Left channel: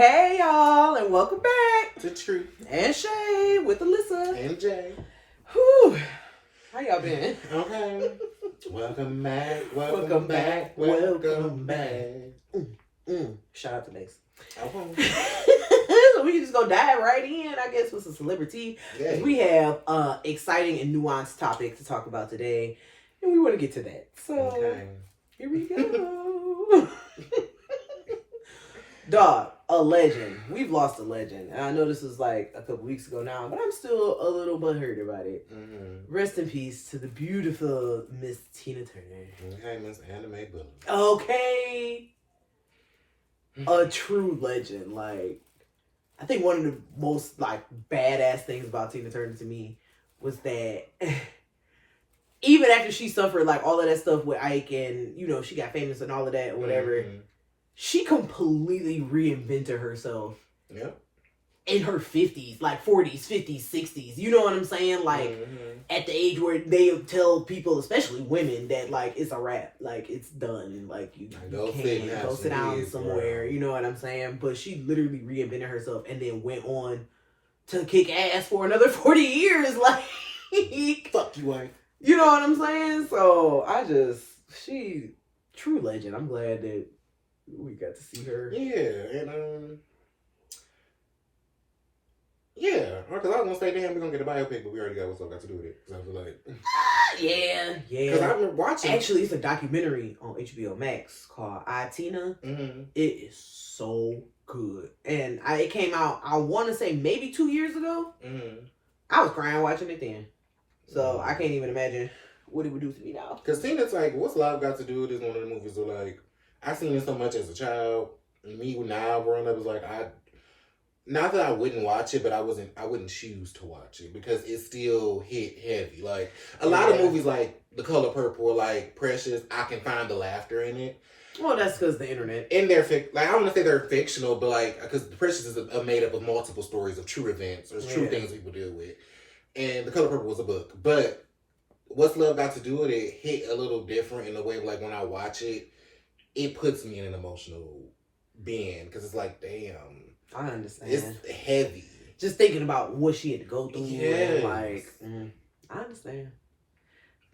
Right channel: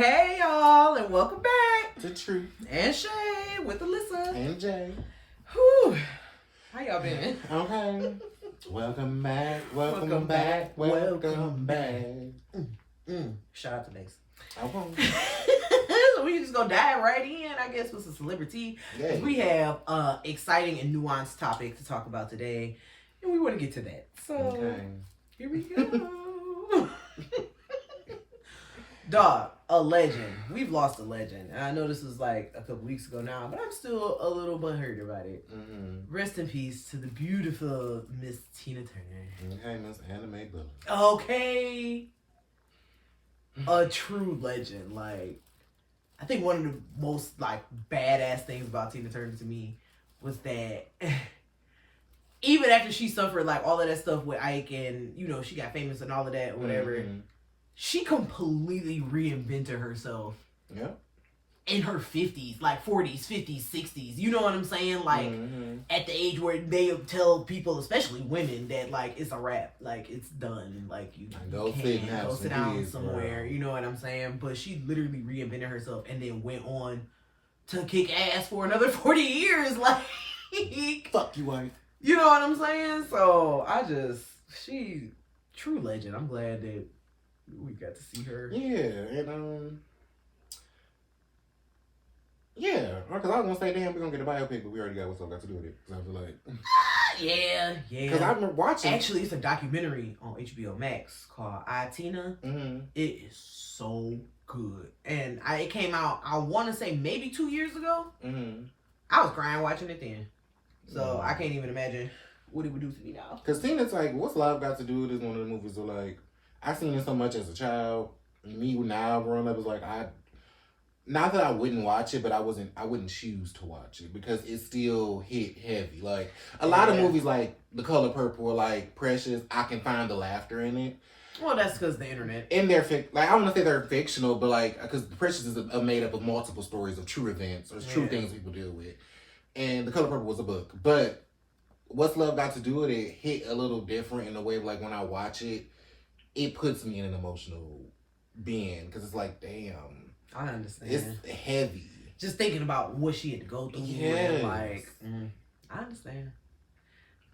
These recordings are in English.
Hey y'all, and welcome back to Tree and Shay with Alyssa and Jay. Whew. How y'all been? Okay. Welcome back. Welcome back. Shout out to Mace. Okay. So we can just go dive right in, I guess, with some celebrity. Yeah. We have exciting and nuanced topic to talk about today, and we want to get to that. So Here we go. Dog, a legend. We've lost a legend. And I know this was like a couple weeks ago now, but I'm still a little butthurt about it. Mm-hmm. Rest in peace to the beautiful Miss Tina Turner. Okay, Miss Anime Bully. Okay. A true legend. Like, I think one of the most like badass things about Tina Turner to me was that even after she suffered like all of that stuff with Ike and, you know, she got famous and all of that or whatever, she completely reinvented herself. Yeah. In her 50s, like 40s, 50s, 60s. You know what I'm saying? Like, at the age where they tell people, especially women, that, like, it's a wrap. Like, it's done. Like, you can't go sit down somewhere. You know what I'm saying? But she literally reinvented herself and then went on to kick ass for another 40 years. Like, fuck you, Ike. You know what I'm saying? So, she, true legend. I'm glad that we got to see her. Yeah, and, yeah, because I was going to say, damn, we're going to get a biopic, but we already got what's up got to do with it. So I was like... Yeah. Because I've been watching... Actually, it's a documentary on HBO Max called I, Tina. Mm-hmm. It is so good. And it came out, I want to say, maybe 2 years ago. Mm-hmm. I was crying watching it then. So I can't even imagine what it would do to me now. Because Tina's like, what's life got to do with this? One of the movies where, like, I seen it so much as a child. And me now growing up is like, not that I wouldn't watch it, but I wouldn't choose to watch it because it still hit heavy. Like a lot of movies like The Color Purple or like Precious, I can find the laughter in it. Well, that's because the internet. And they're like, I don't want to say they're fictional, but like, because Precious is made up of multiple stories of true events or true things people deal with. And The Color Purple was a book. But What's Love Got to Do with It hit a little different in the way, like when I watch it, it puts me in an emotional being because it's like, damn. I understand. It's heavy. Just thinking about what she had to go through. Yes. Like, I understand.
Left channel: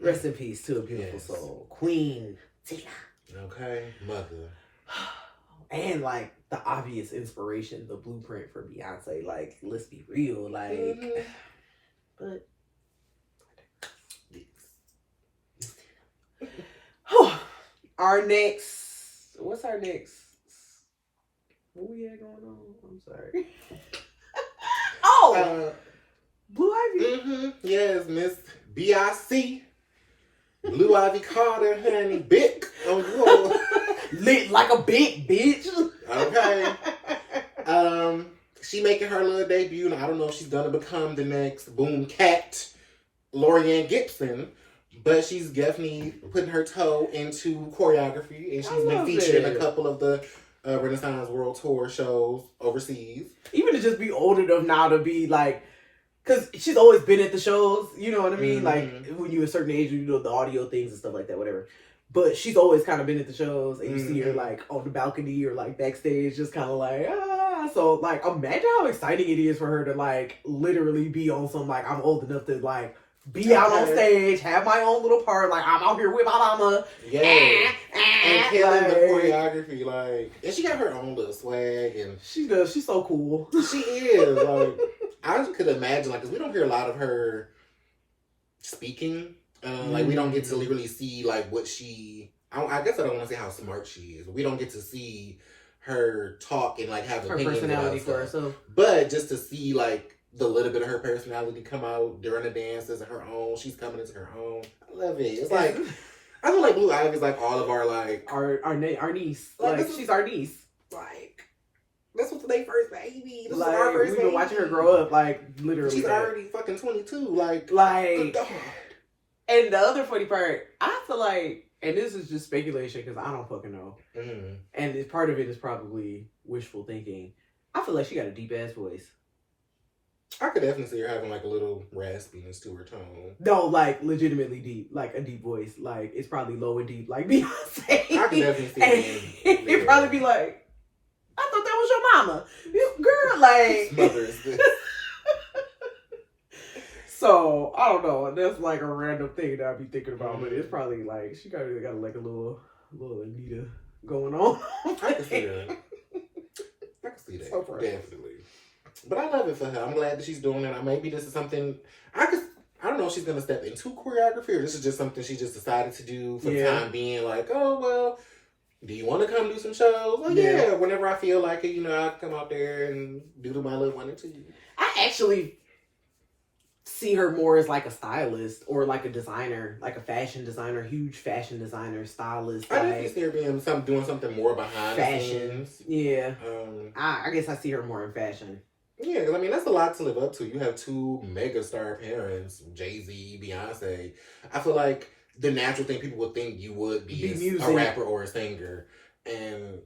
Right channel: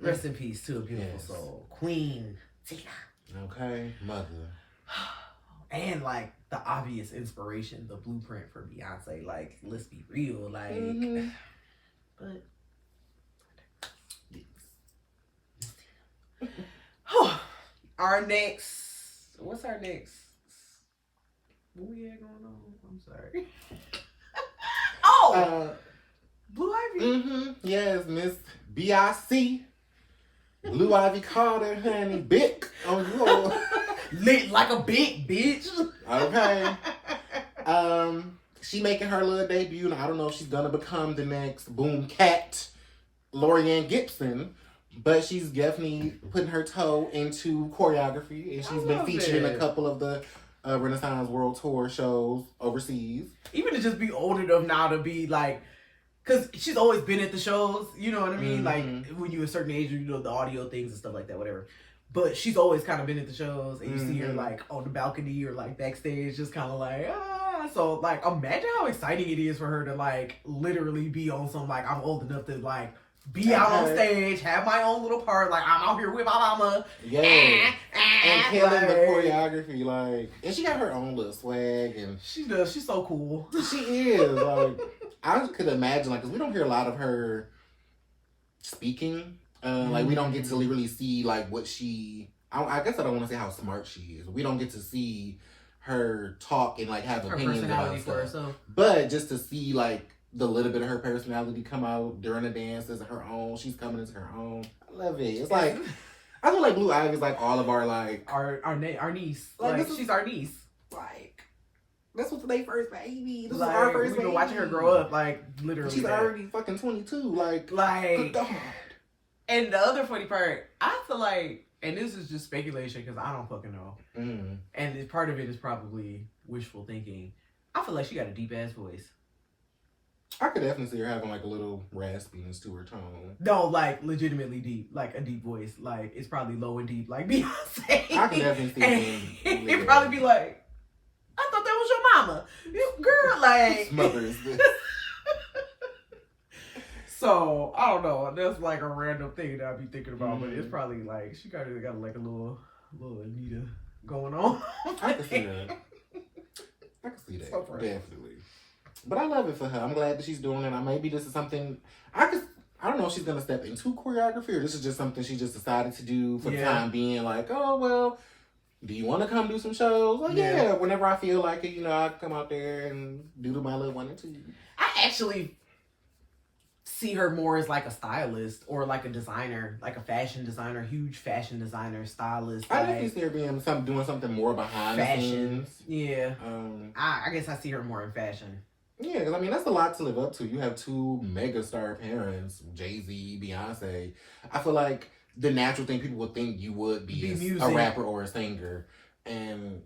Rest in peace to a beautiful soul. Queen Tina. Okay. Mother. And, like, the obvious inspiration, the blueprint for Beyonce. Like, let's be real. Like, but... What's our next? What we had going on? I'm sorry. Blue Ivy. Yes, Miss B.I.C. Blue Ivy Carter, honey, big. Oh, you lit like a big bitch. Okay. She making her little debut, and I don't know if she's gonna become the next Boom Cat, Lorianne Gibson. But she's definitely putting her toe into choreography, and she's been featured in a couple of the Renaissance World Tour shows overseas. Even to just be old enough now to be like, because she's always been at the shows, you know what I mean? Like, when you're a certain age, you know, the audio things and stuff like that, whatever. But she's always kind of been at the shows, and you see her, like, on the balcony or, like, backstage, just kind of like, So, like, imagine how exciting it is for her to, like, literally be on some, like, I'm old enough to, like, be out on stage, have my own little part, like, I'm out here with my mama. Yeah. And killing the choreography, like, and she got her own little swag, and she does. She's so cool. She is. Like, I could imagine, like, because we don't hear a lot of her speaking. Like, we don't get to really see, like, what she, I guess I don't want to say how smart she is. We don't get to see her talk and, like, have her opinions personality about for herself. But just to see, like, the little bit of her personality come out during the dances of her own. She's coming into her own. I love it. It's like, I feel like Blue Ivy is like all of our, like... Our niece. Like she's our niece. Like, this was their first baby. This like, was our first we've baby. been watching her grow up, like, literally. She's already fucking 22. Like, good God. And the other funny part, I feel like, and this is just speculation because I don't fucking know. And part of it is probably wishful thinking. I feel like she got a deep-ass voice. I could definitely see her having like a little raspiness to her tone. No, like legitimately deep, like a deep voice. Like it's probably low and deep, like Beyonce. I can definitely see it. It'd probably be like, I thought that was your mama. You, girl, like. Whose mother is this? So, I don't know. That's like a random thing that I be thinking about, but it's probably like, she got like a little Anita going on. I can see that. I can see that. So definitely. But I love it for her. I'm glad that she's doing it. Maybe this is something I don't know if she's gonna step into choreography or this is just something she just decided to do for the time being. Like, oh well, do you want to come do some shows? Oh yeah. Whenever I feel like it, I come out there and do my little 1 and 2. I actually see her more as like a stylist or like a designer, like a fashion designer, huge fashion designer, stylist. I definitely see her being doing something more behind fashion. The scenes. Yeah. I guess I see her more in fashion. Yeah, because I mean that's a lot to live up to. You have 2 mega star parents, Jay-Z, Beyonce. I feel like the natural thing people would think you would be a rapper or a singer, and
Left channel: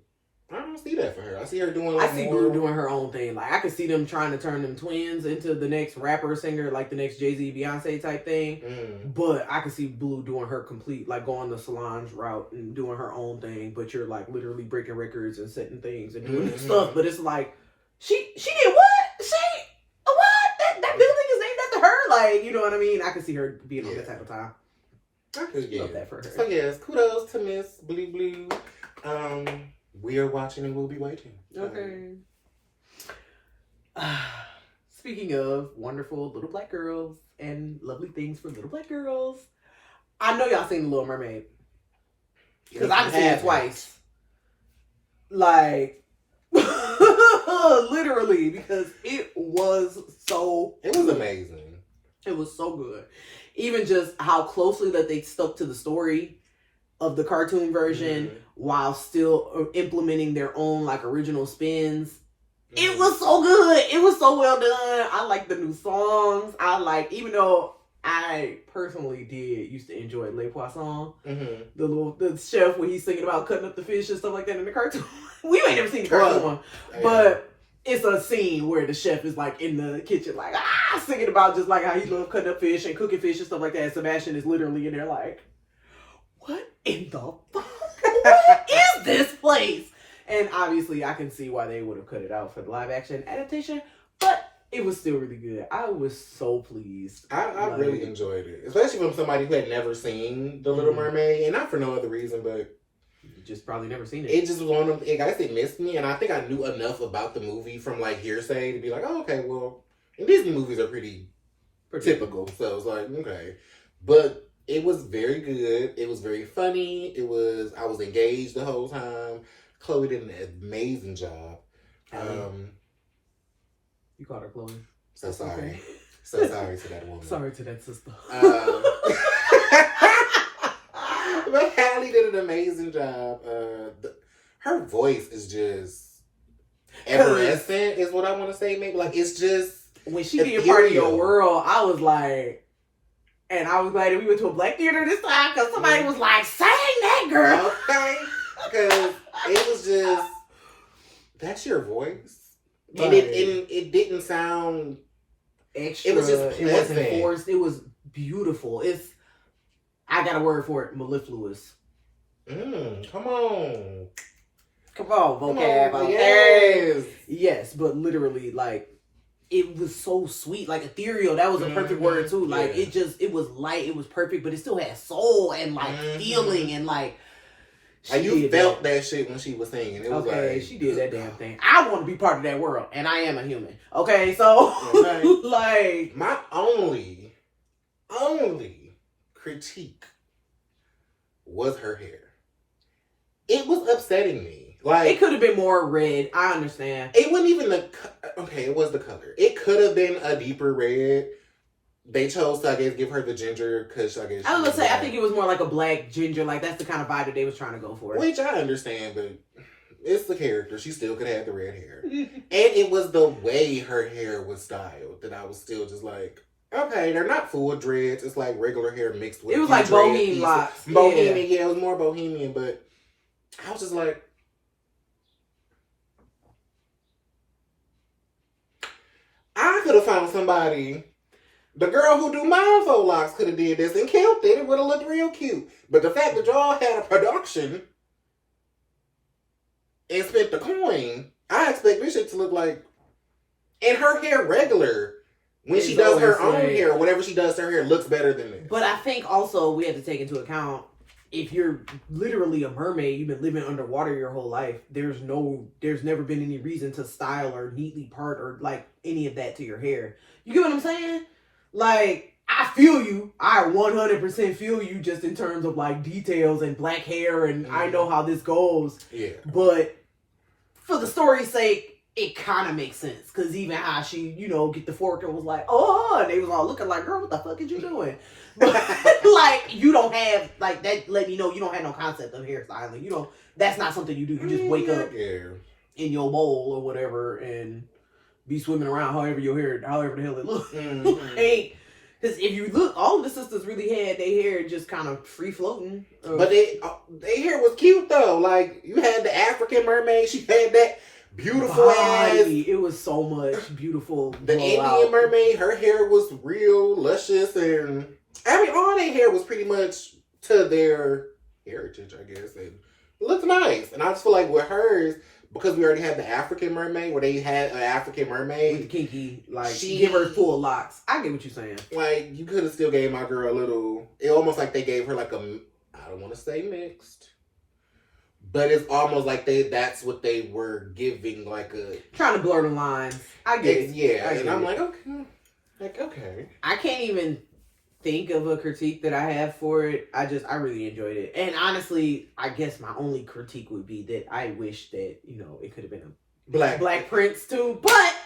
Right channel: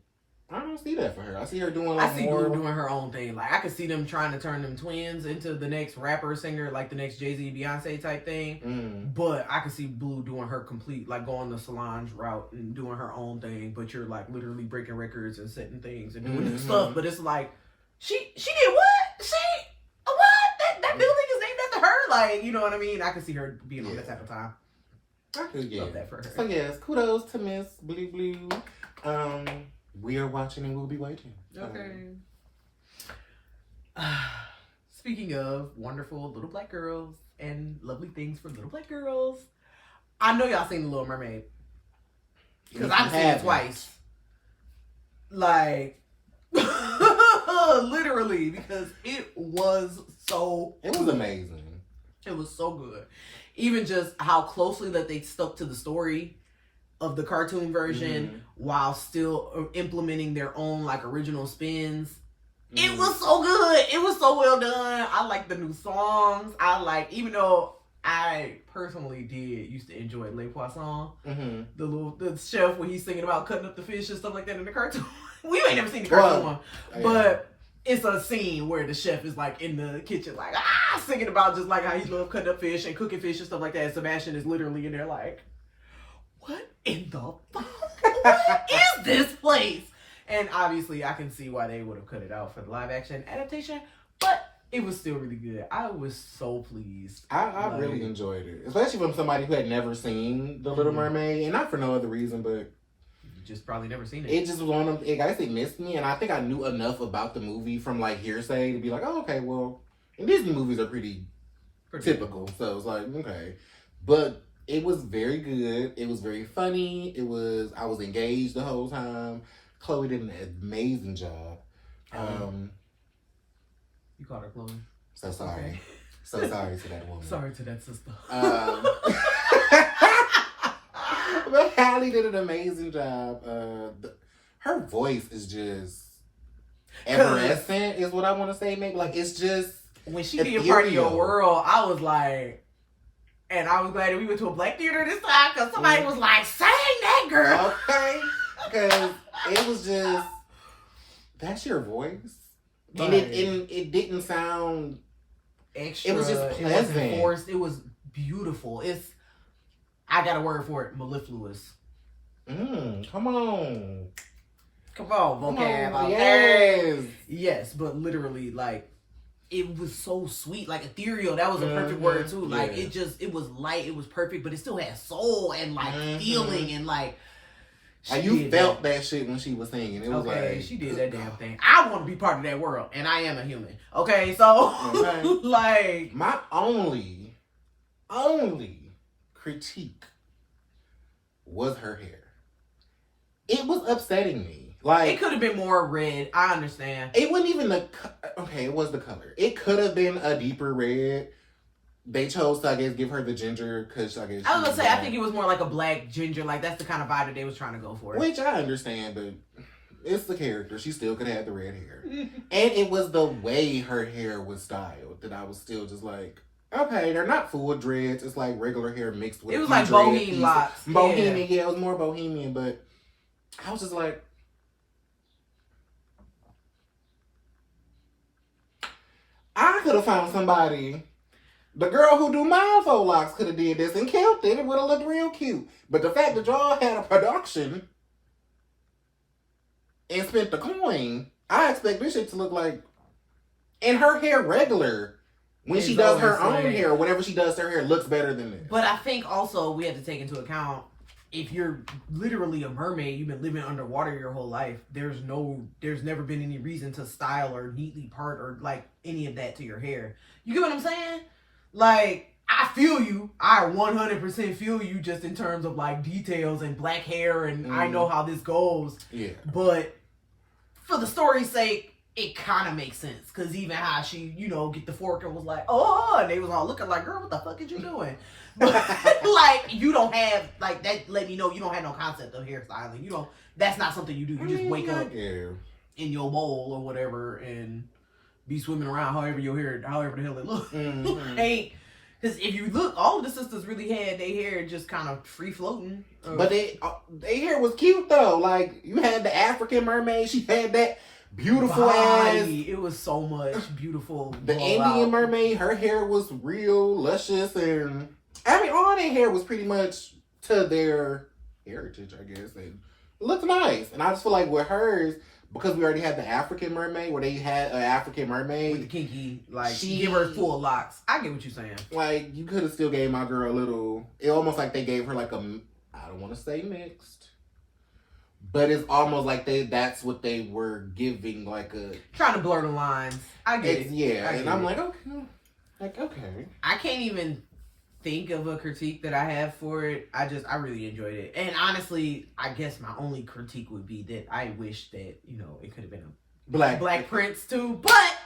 I don't see that for her. I see her doing like I see Blue doing her own thing. Like I could see them trying to turn them twins into the next rapper singer, like the next Jay-Z, Beyonce type thing. But I could see Blue doing her complete, like going the Solange route and doing her own thing. But you're like literally breaking records and setting things and doing stuff. But it's like she did what? What? That building is named after her. Like, you know what I mean? I could see her being on that type of time. I could, love that for her. So yes, kudos to Miss Blue. We are watching and we'll be waiting. Okay. Speaking of wonderful little black girls and lovely things for little black girls, I know y'all seen The Little Mermaid. Because I've seen it twice. Like, literally, because it was amazing. It was so good. Even just how closely that they stuck to the story of the cartoon version while still implementing their own like original spins. It was so good. It was so well done. I like the new songs. Even though I personally used to enjoy Le Poisson, the chef when he's singing about cutting up the fish and stuff like that in the cartoon. We ain't never seen the cartoon one, but it's a scene where the chef is like in the kitchen, like singing about just like how he loved cutting up fish and cooking fish and stuff like that. And Sebastian is literally in there like, what in the fuck? What is this place? And obviously, I can see why they would have cut it out for the live action adaptation, but it was still really good. I was so pleased. I really enjoyed it, especially from somebody who had never seen The Little Mermaid, and not for no other reason, but you just probably never seen it. It just was one of them. I guess it missed me, and I think I knew enough about the movie from like hearsay to be like, oh, okay, well, Disney movies are pretty typical, so it was like, okay, but it was very good. It was very funny. I was engaged the whole time. Chloe did an amazing job. You called her Chloe. So sorry. Okay. So sorry to that woman. Sorry to that sister. But Hallie did an amazing job. Her voice is just evanescent, is what I want to say. Maybe like it's just when she did Part of Your World, I was like, and I was glad that we went to a black theater this time because somebody was like, "Sing that, girl." Okay, because it was just that's your voice, and it didn't sound extra. It was just pleasant. It wasn't forced. It was beautiful. I got a word for it, mellifluous. Come on, vocab. Yes, but literally, like, it was so sweet, like ethereal. That was a perfect word too. Like it was light, it was perfect, but it still had soul and like feeling and like. You felt that shit when she was singing. It was like she did that damn thing. I want to be part of that world, and I am a human. Okay, so like my only critique was her hair. It was upsetting me. Like it could have been more red. I understand. It wasn't even it was the color. It could have been a deeper red. They chose to, I guess, give her the ginger because I guess I was gonna say I think it was more like a black ginger. Like that's the kind of vibe that they was trying to go for. Which I understand, but it's the character. She still could have the red hair, and it was the way her hair was styled that I was still just like, okay, they're not full dreads. It's like regular hair mixed with. It was like bohemian locks. Bohemian, yeah, it was more bohemian, but I was just like. I could have found somebody. The girl who do mindfold locks could have did this and killed it. It would have looked real cute. But the fact that y'all had a production and spent the coin I expect this shit to look like, and her hair regular. When It's she does her always own like- hair, whatever she does to her hair looks better than this. But I think also we have to take into account, if you're literally a mermaid, you've been living underwater your whole life, there's never been any reason to style or neatly part or like any of that to your hair. You get what I'm saying? Like, I feel you. I 100% feel you just in terms of like details and black hair, and I know how this goes. Yeah. But for the story's sake, it kind of makes sense. Because even how she, get the fork and was like, oh, and they was all looking like, girl, what the fuck is you doing? But like, you don't have, like, that let me know you don't have no concept of hairstyling. That's not something you do. You just wake up in your bowl or whatever and be swimming around however the hell it looks. Mm-hmm. Because if you look, all of the sisters really had their hair just kind of free floating. But their hair was cute though. Like, you had the African mermaid, she had that beautiful ass. It was so much beautiful. The Indian mermaid, her hair was real luscious, and I mean, all their hair was pretty much to their heritage, I guess. And it looked nice. And I just feel like with hers, because we already had the African mermaid, where they had an African mermaid with the kinky, like, give her full locks. I get what you're saying. Like, you could have still gave my girl a little. It almost like they gave her like I don't want to say mixed, but it's almost like that's what they were giving, like a trying to blur the lines. I get it. Yeah, and I'm like, okay. I can't even think of a critique that I have for it. I really enjoyed it. And honestly, I guess my only critique would be that I wish that, it could have been a black prince too. But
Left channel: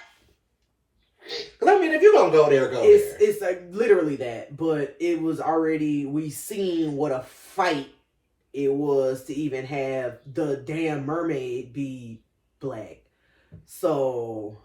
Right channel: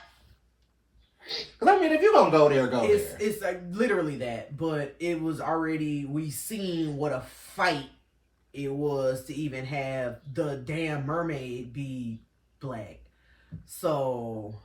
because I mean, if you're gonna go there, it's like literally that. But it was already, we seen what a fight it was to even have the damn mermaid be black. So,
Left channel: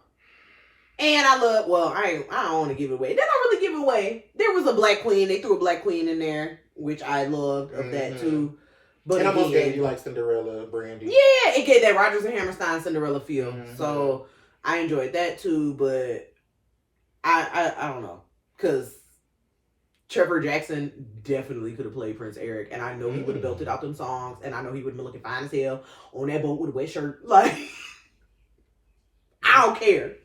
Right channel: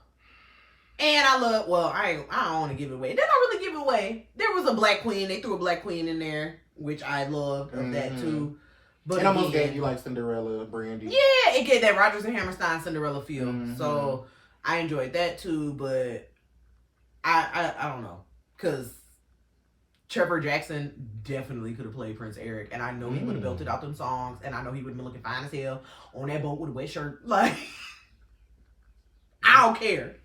and I don't want to give it away. They don't really give it away. There was a black queen. They threw a black queen in there, which I loved of that too. But it almost gave you like Cinderella, Brandy. Yeah, it gave that Rodgers and Hammerstein Cinderella feel. So I enjoyed that too. But I don't know, because Trevor Jackson definitely could have played Prince Eric, and I know he would have belted out them songs, and I know he would have been looking fine as hell on that boat with a wet shirt. Like, I don't care.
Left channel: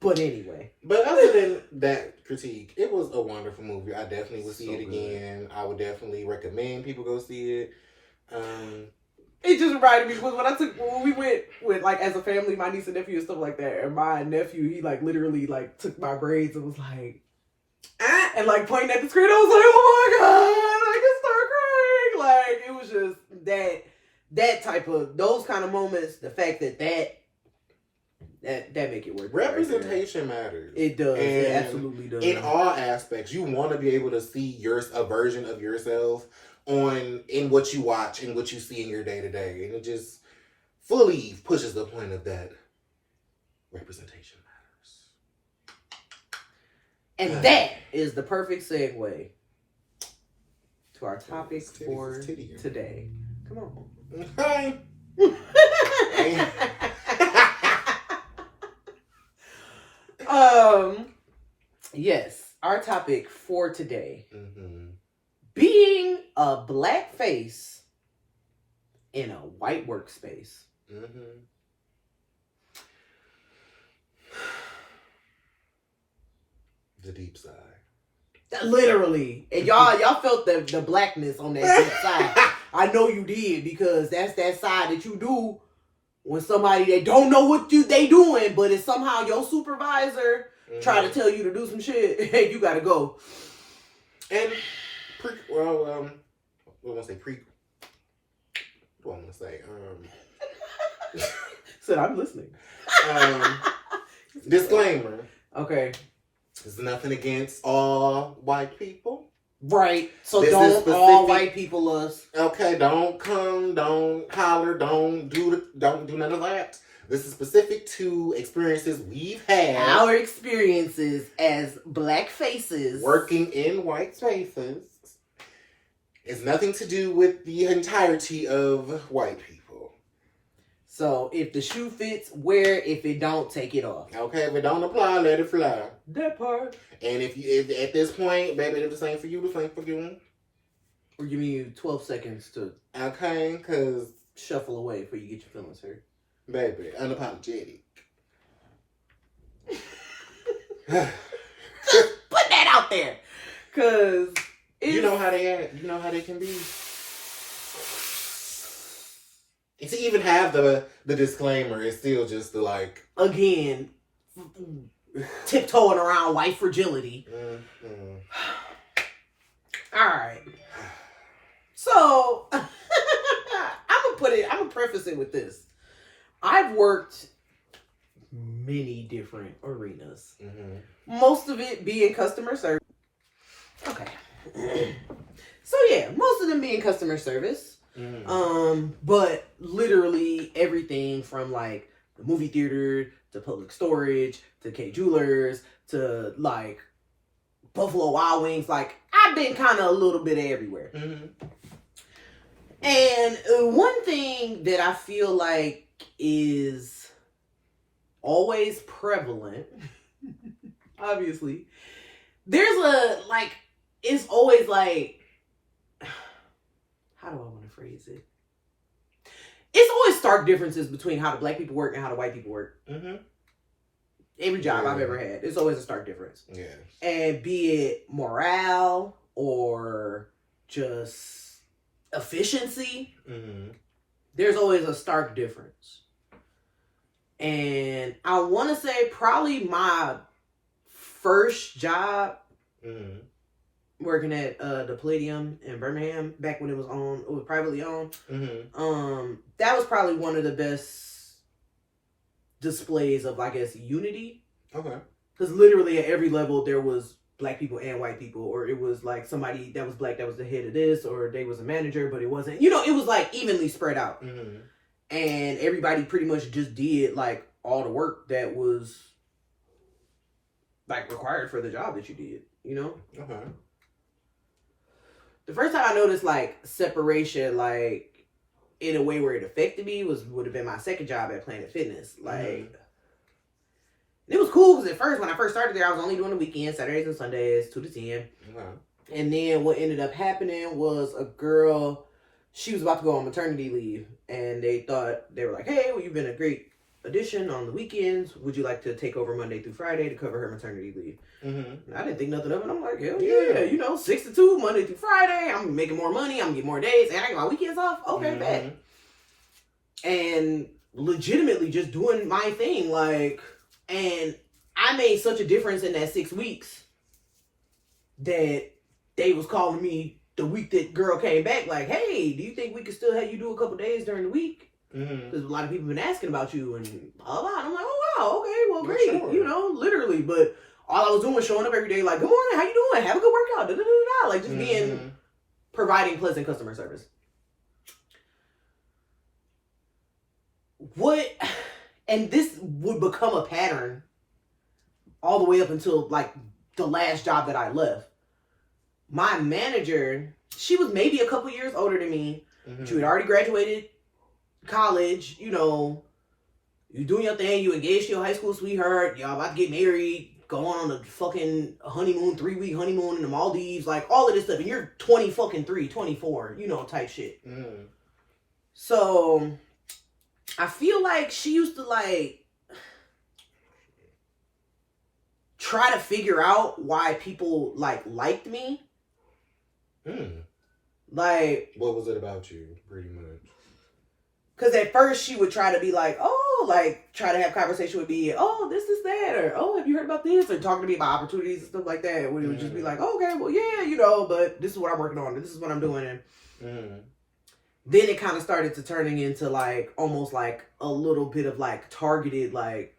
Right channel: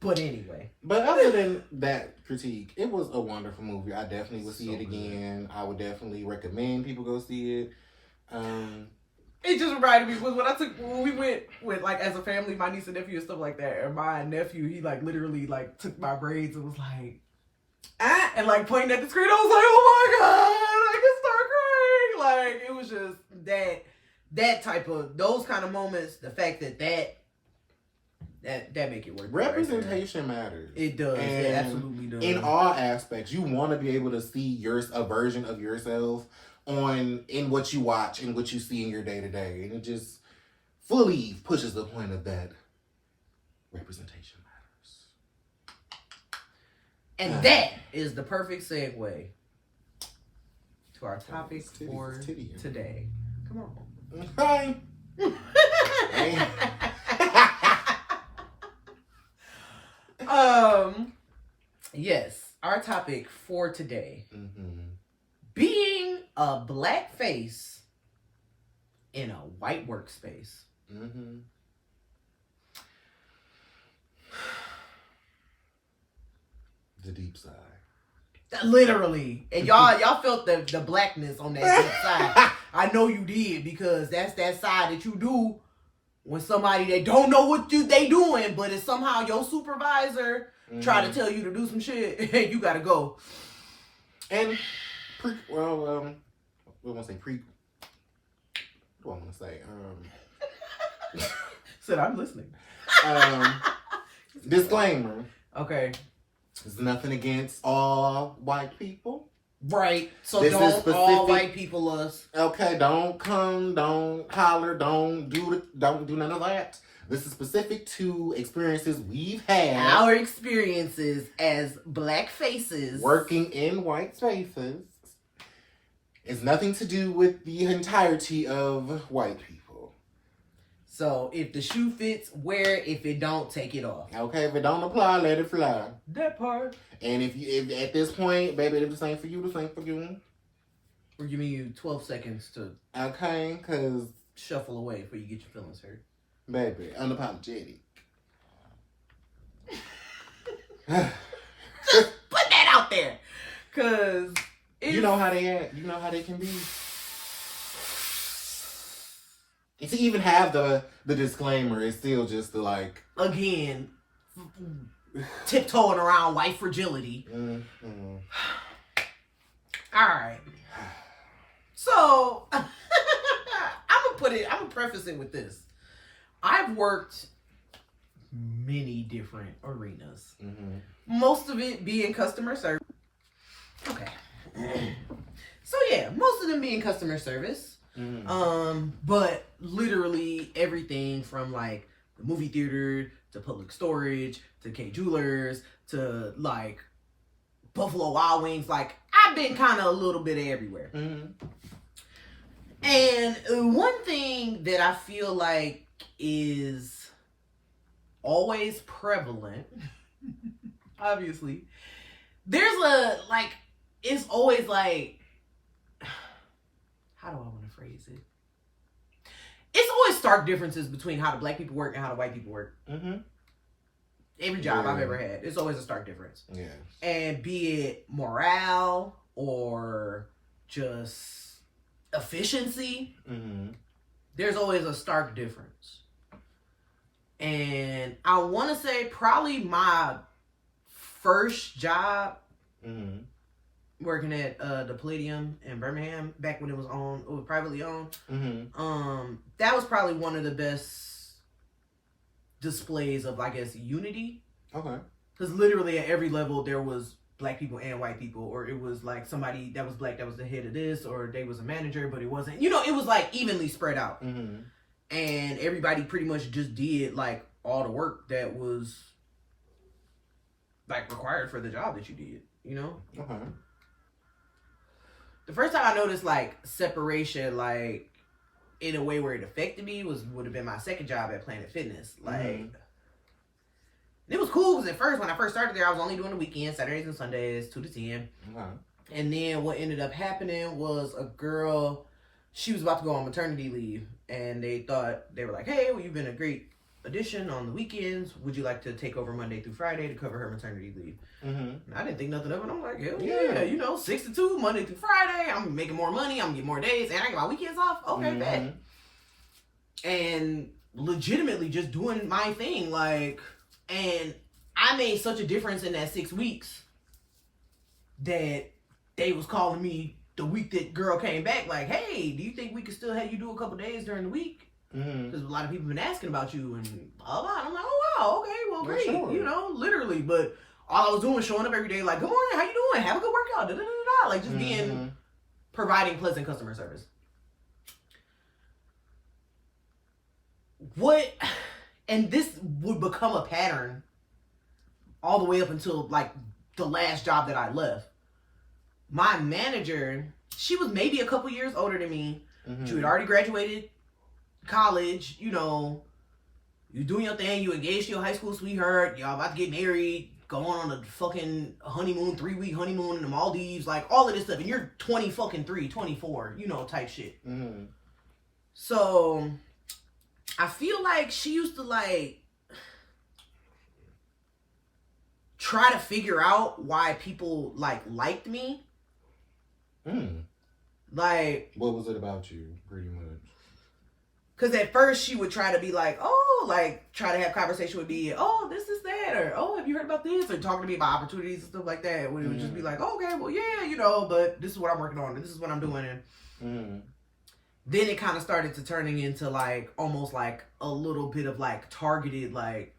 But anyway. But other than that critique, it was a wonderful movie. I definitely would see it again. I would definitely recommend people go see it. It just reminded me when we went with, like, as a family, my niece and nephew and stuff like that, and my nephew, he like literally like took my braids and was like, and like pointing at the screen. I was like, oh my god, I can start crying. Like, it was just that type of, those kind of moments, the fact that make it worth it. Representation matters. It does. And it absolutely does. In all aspects, you want to be able to see a version of yourself in what you watch and what you see in your day to day, and it just fully pushes the point of that representation matters. And that is the perfect segue to our topic for today. Come on. Hi. Yes, our topic for today. Being a black face in a white workspace. The deep side. Literally. And y'all felt the blackness on that deep side. I know you did, because that's that side that you do when somebody that don't know what they doing, but it's somehow your supervisor try to tell you to do some shit, and you gotta go. And I won't say what do I want to say? Said I'm listening. Disclaimer. Okay. There's nothing against all white people. Right. So don't all white people us. Okay, don't come, don't holler, don't do none of that. This is specific to experiences we've had. Our experiences as black faces. Working in white spaces. It's nothing to do with the entirety of white people. So if the shoe fits, wear it. If it don't, take it off. Okay, if it don't apply, let it fly. That part. And if at this point, baby, if the same for you, the same for you. We're giving you 12 seconds to okay, because shuffle away before you get your feelings hurt. Baby, unapologetic. Put that out there. Cause you know how they act. You know how they can be. To even have the disclaimer, it's still just the like again tiptoeing around white fragility. Mm-hmm. All right. So I'm gonna preface it with this. I've worked many different arenas. Mm-hmm. Most of it being customer service. Okay. So yeah, most of them being customer service. Mm. But literally everything from like the movie theater to public storage to K Jewelers to like Buffalo Wild Wings. Like I've been kind of a little bit everywhere. Mm-hmm. And one thing that I feel like is always prevalent, obviously, there's it's always like, how do I want to phrase it? It's always stark differences between how the black people work and how the white people work. Mm-hmm. Every job I've ever had, it's always a stark difference. Yeah. And be it morale or just efficiency, mm-hmm. there's always a stark difference. And I want to say probably my first job, mm-hmm. working at the Palladium in Birmingham back when it was privately owned. Mm-hmm. That was probably one of the best displays of, I guess, unity. Okay. Because literally at every level there was black people and white people, or it was like somebody that was black that was the head of this, or they was a manager but it wasn't. You know, it was like evenly spread out. Mm-hmm. And everybody pretty much just did like all the work that was like required for the job that you did, you know? Okay. The first time I noticed like separation, like in a way where it affected me, would have been my second job at Planet Fitness. Like, mm-hmm. It was cool because at first, when I first started there, I was only doing the weekends, Saturdays and Sundays, 2 to 10. Mm-hmm. And then what ended up happening was a girl, she was about to go on maternity leave, and they were like, hey, well, you've been a great addition on the weekends. Would you like to take over Monday through Friday to cover her maternity leave? Mm-hmm. I didn't think nothing of it. I'm like, hell yeah, 6 to 2, Monday through Friday. I'm making more money. I'm gonna get more days, and I get my weekends off. Okay, mm-hmm. bet. And legitimately just doing my thing, like, and I made such a difference in that 6 weeks that they was calling me the week that girl came back, like, hey, do you think we could still have you do a couple days during the week? Because mm-hmm. a lot of people have been asking about you and blah, blah. And I'm like, oh, wow, okay, well, great. Sure. Literally. But all I was doing was showing up every day, like, good morning, how you doing? Have a good workout. Da, da, da, da. Like, just mm-hmm. providing pleasant customer service. And this would become a pattern all the way up until, like, the last job that I left. My manager, she was maybe a couple years older than me. Mm-hmm. She had already graduated college, you're doing your thing, you engaged to your high school sweetheart, y'all about to get married, going on a fucking honeymoon, 3-week honeymoon in the Maldives, like all of this stuff, and you're 24, type shit. Mm-hmm. So I feel like she used to like try to figure out why people like liked me. Like, what was it about you, pretty much? Because at first she would try to be like, oh, like try to have conversation with me, oh, this is that, or oh, have you heard about this, or talking to me about opportunities and stuff like that. When it would just be like, oh, okay, well, yeah, but this is what I'm working on, and this is what I'm doing. And then it kind of started to turning into like almost like a little bit of like targeted, like,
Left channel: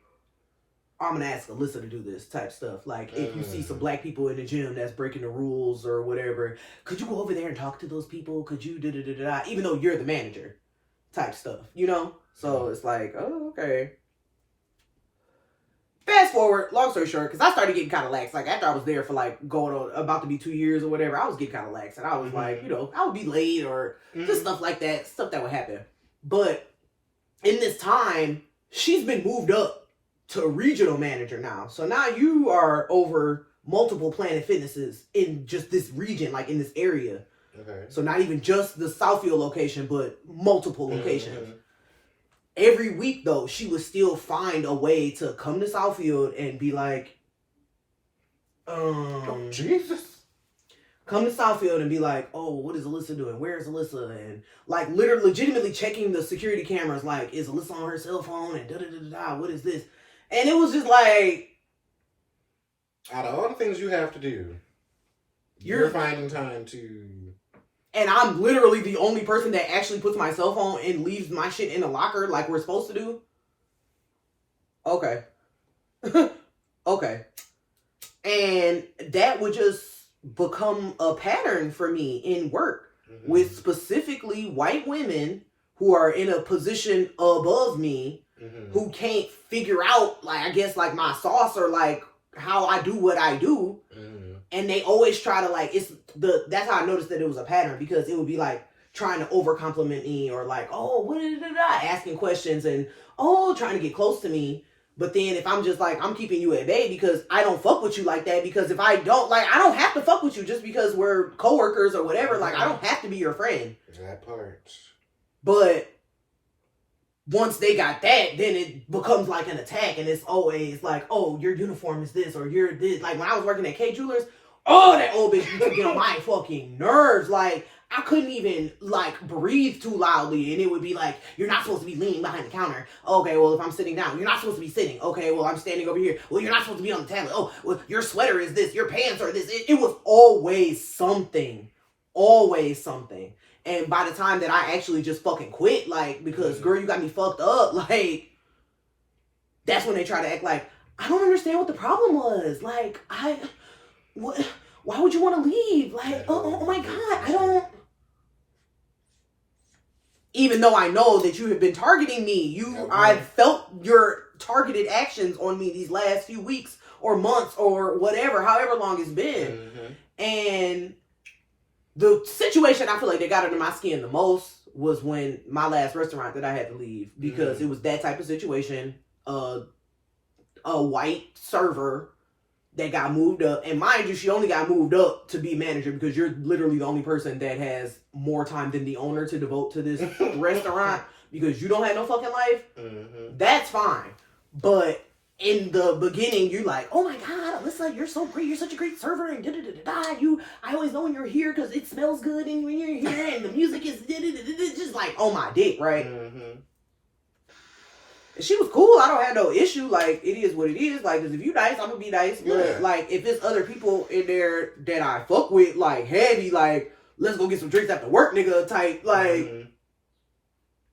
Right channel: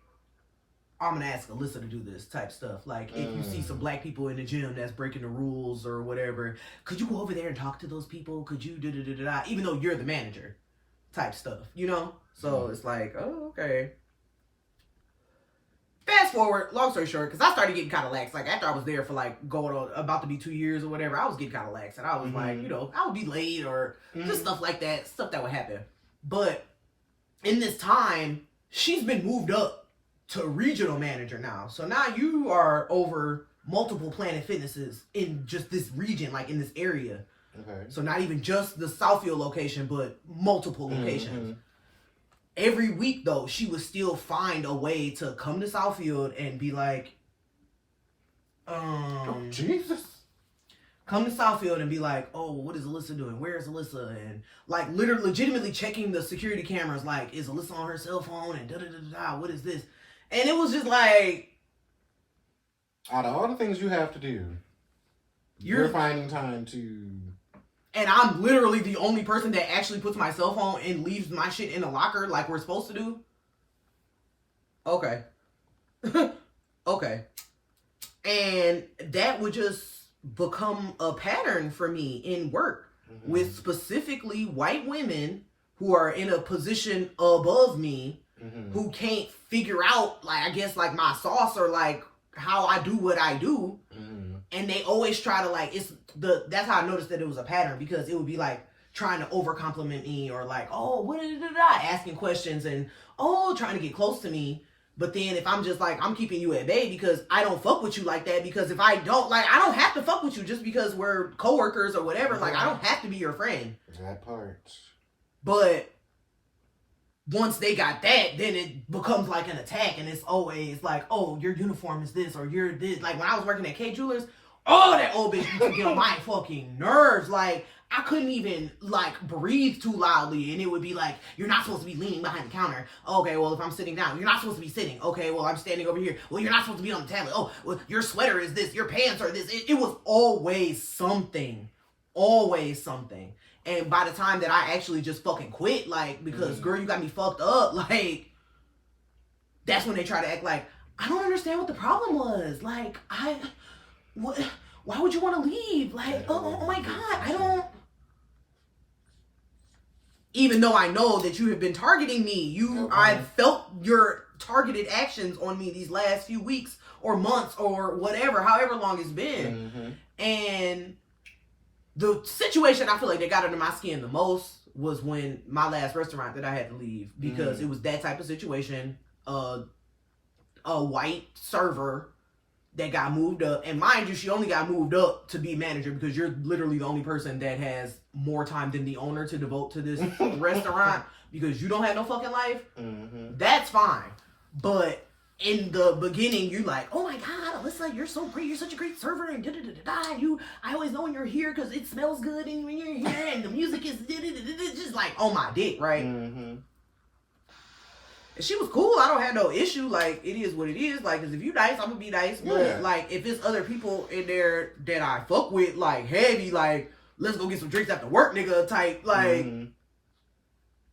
I'm gonna ask Alyssa to do this type stuff. Like, if you see some black people in the gym that's breaking the rules or whatever, could you go over there and talk to those people? Could you da-da-da-da-da, even though you're the manager type stuff, So it's like, oh, okay. Fast forward, long story short, because I started getting kind of lax. Like, after I was there for like going on about to be 2 years or whatever, I was getting kind of lax. And I was like, I would be late or just stuff like that, stuff that would happen. But in this time, she's been moved up to regional manager now. So now you are over multiple Planet Fitnesses in just this region, like in this area. Okay. So not even just the Southfield location, but multiple locations. every week though, she would still find a way to come to Southfield and be like, Jesus. Come to Southfield and be like, oh, what is Alyssa doing? Where's Alyssa? And like literally legitimately checking the security cameras, like, is Alyssa on her cell phone? And da-da-da-da-da, what is this? And it was just like, out of all the things you have to do, you're finding time to... And I'm literally the only person that actually puts my cell phone and leaves my shit in the locker like we're supposed to do. Okay. Okay. And that would just become a pattern for me in work with specifically white women who are in a position above me who can't figure out, like, I guess, like, my sauce or, like, how I do what I do. And they always try to, like, that's how I noticed that it was a pattern, because it would be, like, trying to over compliment me or, like, oh, what did asking questions and, oh, trying to get close to me. But then if I'm just like, I'm keeping you at bay because I don't fuck with you like that, because if I don't, like, I don't have to fuck with you just because we're coworkers or whatever. Like, I don't have to be your friend. That part. But once they got that, then it becomes like an attack, and it's always like, oh, your uniform is this, or you're this. Like, when I was working at K Jewelers, oh, that old bitch used to get on my fucking nerves. Like, I couldn't even, like, breathe too loudly, and it would be like, you're not supposed to be leaning behind the counter. Okay, well, if I'm sitting down, you're not supposed to be sitting. Okay, well, I'm standing over here. Well, you're not supposed to be on the tablet. Oh, well, your sweater is this, your pants are this. It was always something. Always something. And by the time that I actually just fucking quit, like, because, girl, you got me fucked up, like, that's when they try to act like, I don't understand what the problem was. Like, what? Why would you want to leave? Like, oh my God, I don't. Even though I know that you have been targeting me, I've felt your targeted actions on me these last few weeks or months or whatever, however long it's been. And the situation I feel like they got under my skin the most was when my last restaurant that I had to leave, because it was that type of situation. A white server that got moved up, and mind you, she only got moved up to be manager because you're literally the only person that has more time than the owner to devote to this restaurant, because you don't have no fucking life. That's fine. But in the beginning, you're like, oh my God, Alyssa, you're so great. You're such a great server. And I always know when you're here because it smells good and when you're here and the music is just like, oh my dick, right? She was cool. I don't have no issue. Like, it is what it is. Like, cause if you nice, I'm gonna be nice. But like, if there's other people in there that I fuck with, like heavy, like, let's go get some drinks after work, nigga, type, like,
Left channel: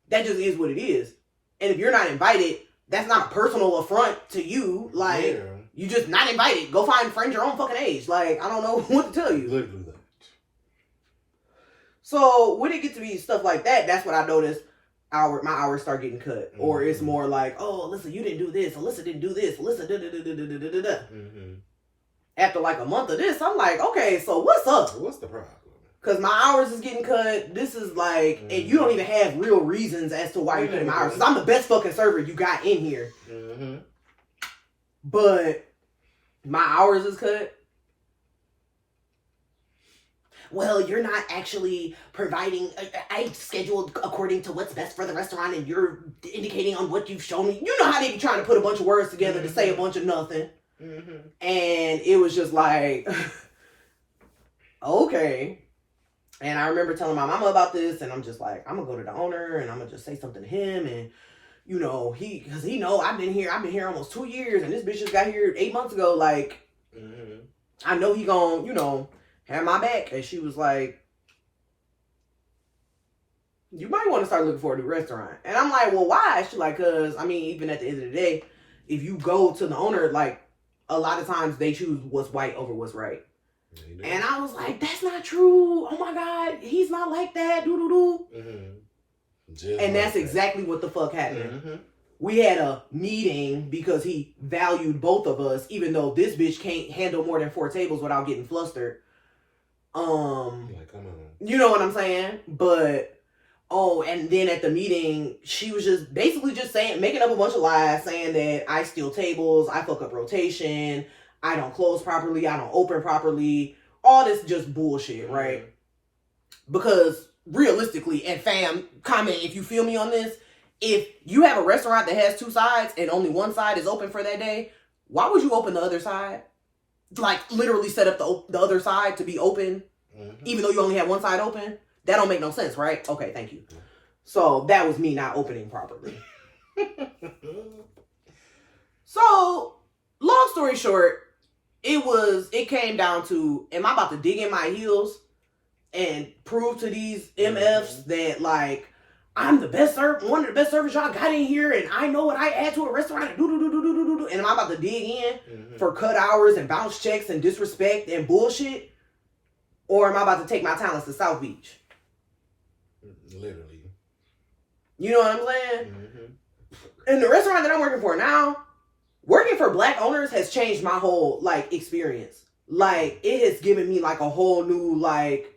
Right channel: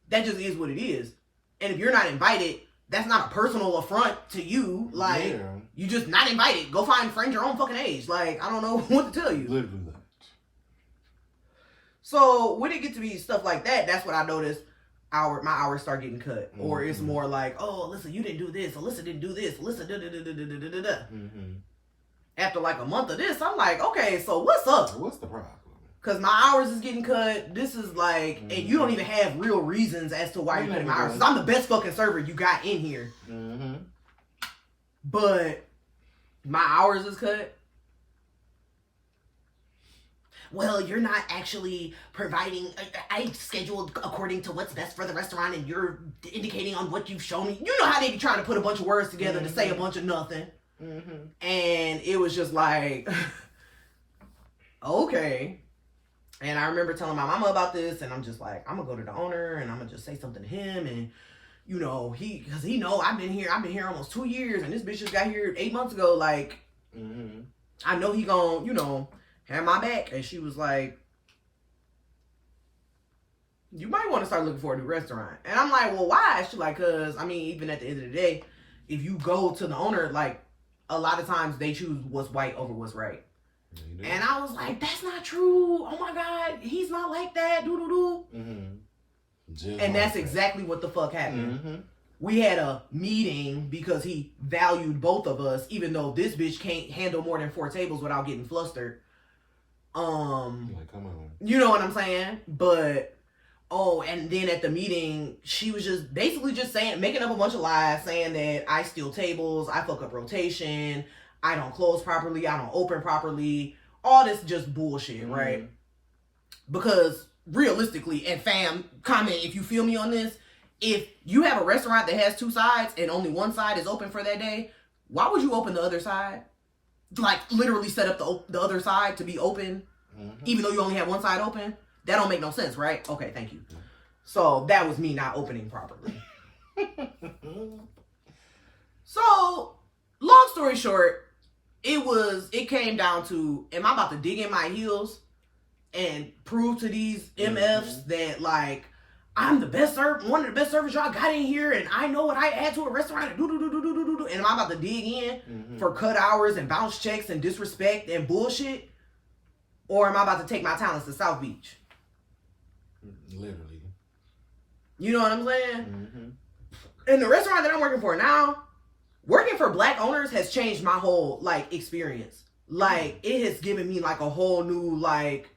that just is what it is. And if you're not invited, that's not a personal affront to you. Like, you just not invited. Go find friends your own fucking age. Like, I don't know what to tell you. Literally that. So when it gets to be stuff like that, that's what I noticed. My hours start getting cut, or it's more like, oh, Alyssa, you didn't do this. Alyssa didn't do this. Alyssa da. After like a month of this, I'm like, okay, so what's up? What's the problem? Because my hours is getting cut. This is like, and you don't even have real reasons as to why you're cutting my hours. Because I'm the best fucking server you got in here. But my hours is cut. Well, you're not actually providing, I scheduled according to what's best for the restaurant, and you're indicating on what you've shown me. You know how they be trying to put a bunch of words together to say a bunch of nothing. And it was just like, okay. And I remember telling my mama about this, and I'm just like, I'm gonna go to the owner and I'm gonna just say something to him. And you know, cause he know I've been here almost 2 years, and this bitch just got here 8 months ago. Like, I know he gonna, you know, have my back. And she was like, you might want to start looking for a new restaurant. And I'm like, well, why? She's like, cause I mean, even at the end of the day, if you go to the owner, like, a lot of times they choose what's white over what's right. And I was like, that's not true. Oh my God, he's not like that. And that's exactly what the fuck happened. We had a meeting because he valued both of us, even though this bitch can't handle more than 4 tables without getting flustered. Like, come on. You know what I'm saying? But, and then at the meeting, she was just basically just saying, making up a bunch of lies, saying that I steal tables, I fuck up rotation, I don't close properly, I don't open properly, all this just bullshit, right? Because realistically, and fam, comment if you feel me on this, if you have a restaurant that has 2 sides and only one side is open for that day, why would you open the other side? Like, literally set up the other side to be open, even though you only have one side open? That don't make no sense, right? Okay, thank you. So, that was me not opening properly. So, long story short, it came down to, am I about to dig in my heels and prove to these MFs that, like, I'm the best server, one of the best servers y'all got in here, and I know what I add to a restaurant, and and am I about to dig in for cut hours and bounce checks and disrespect and bullshit? Or am I about to take my talents to South Beach? Literally. You know what I'm saying? And the restaurant that I'm working for now, working for Black owners has changed my whole, like, experience. Like, it has given me, like, a whole new, like,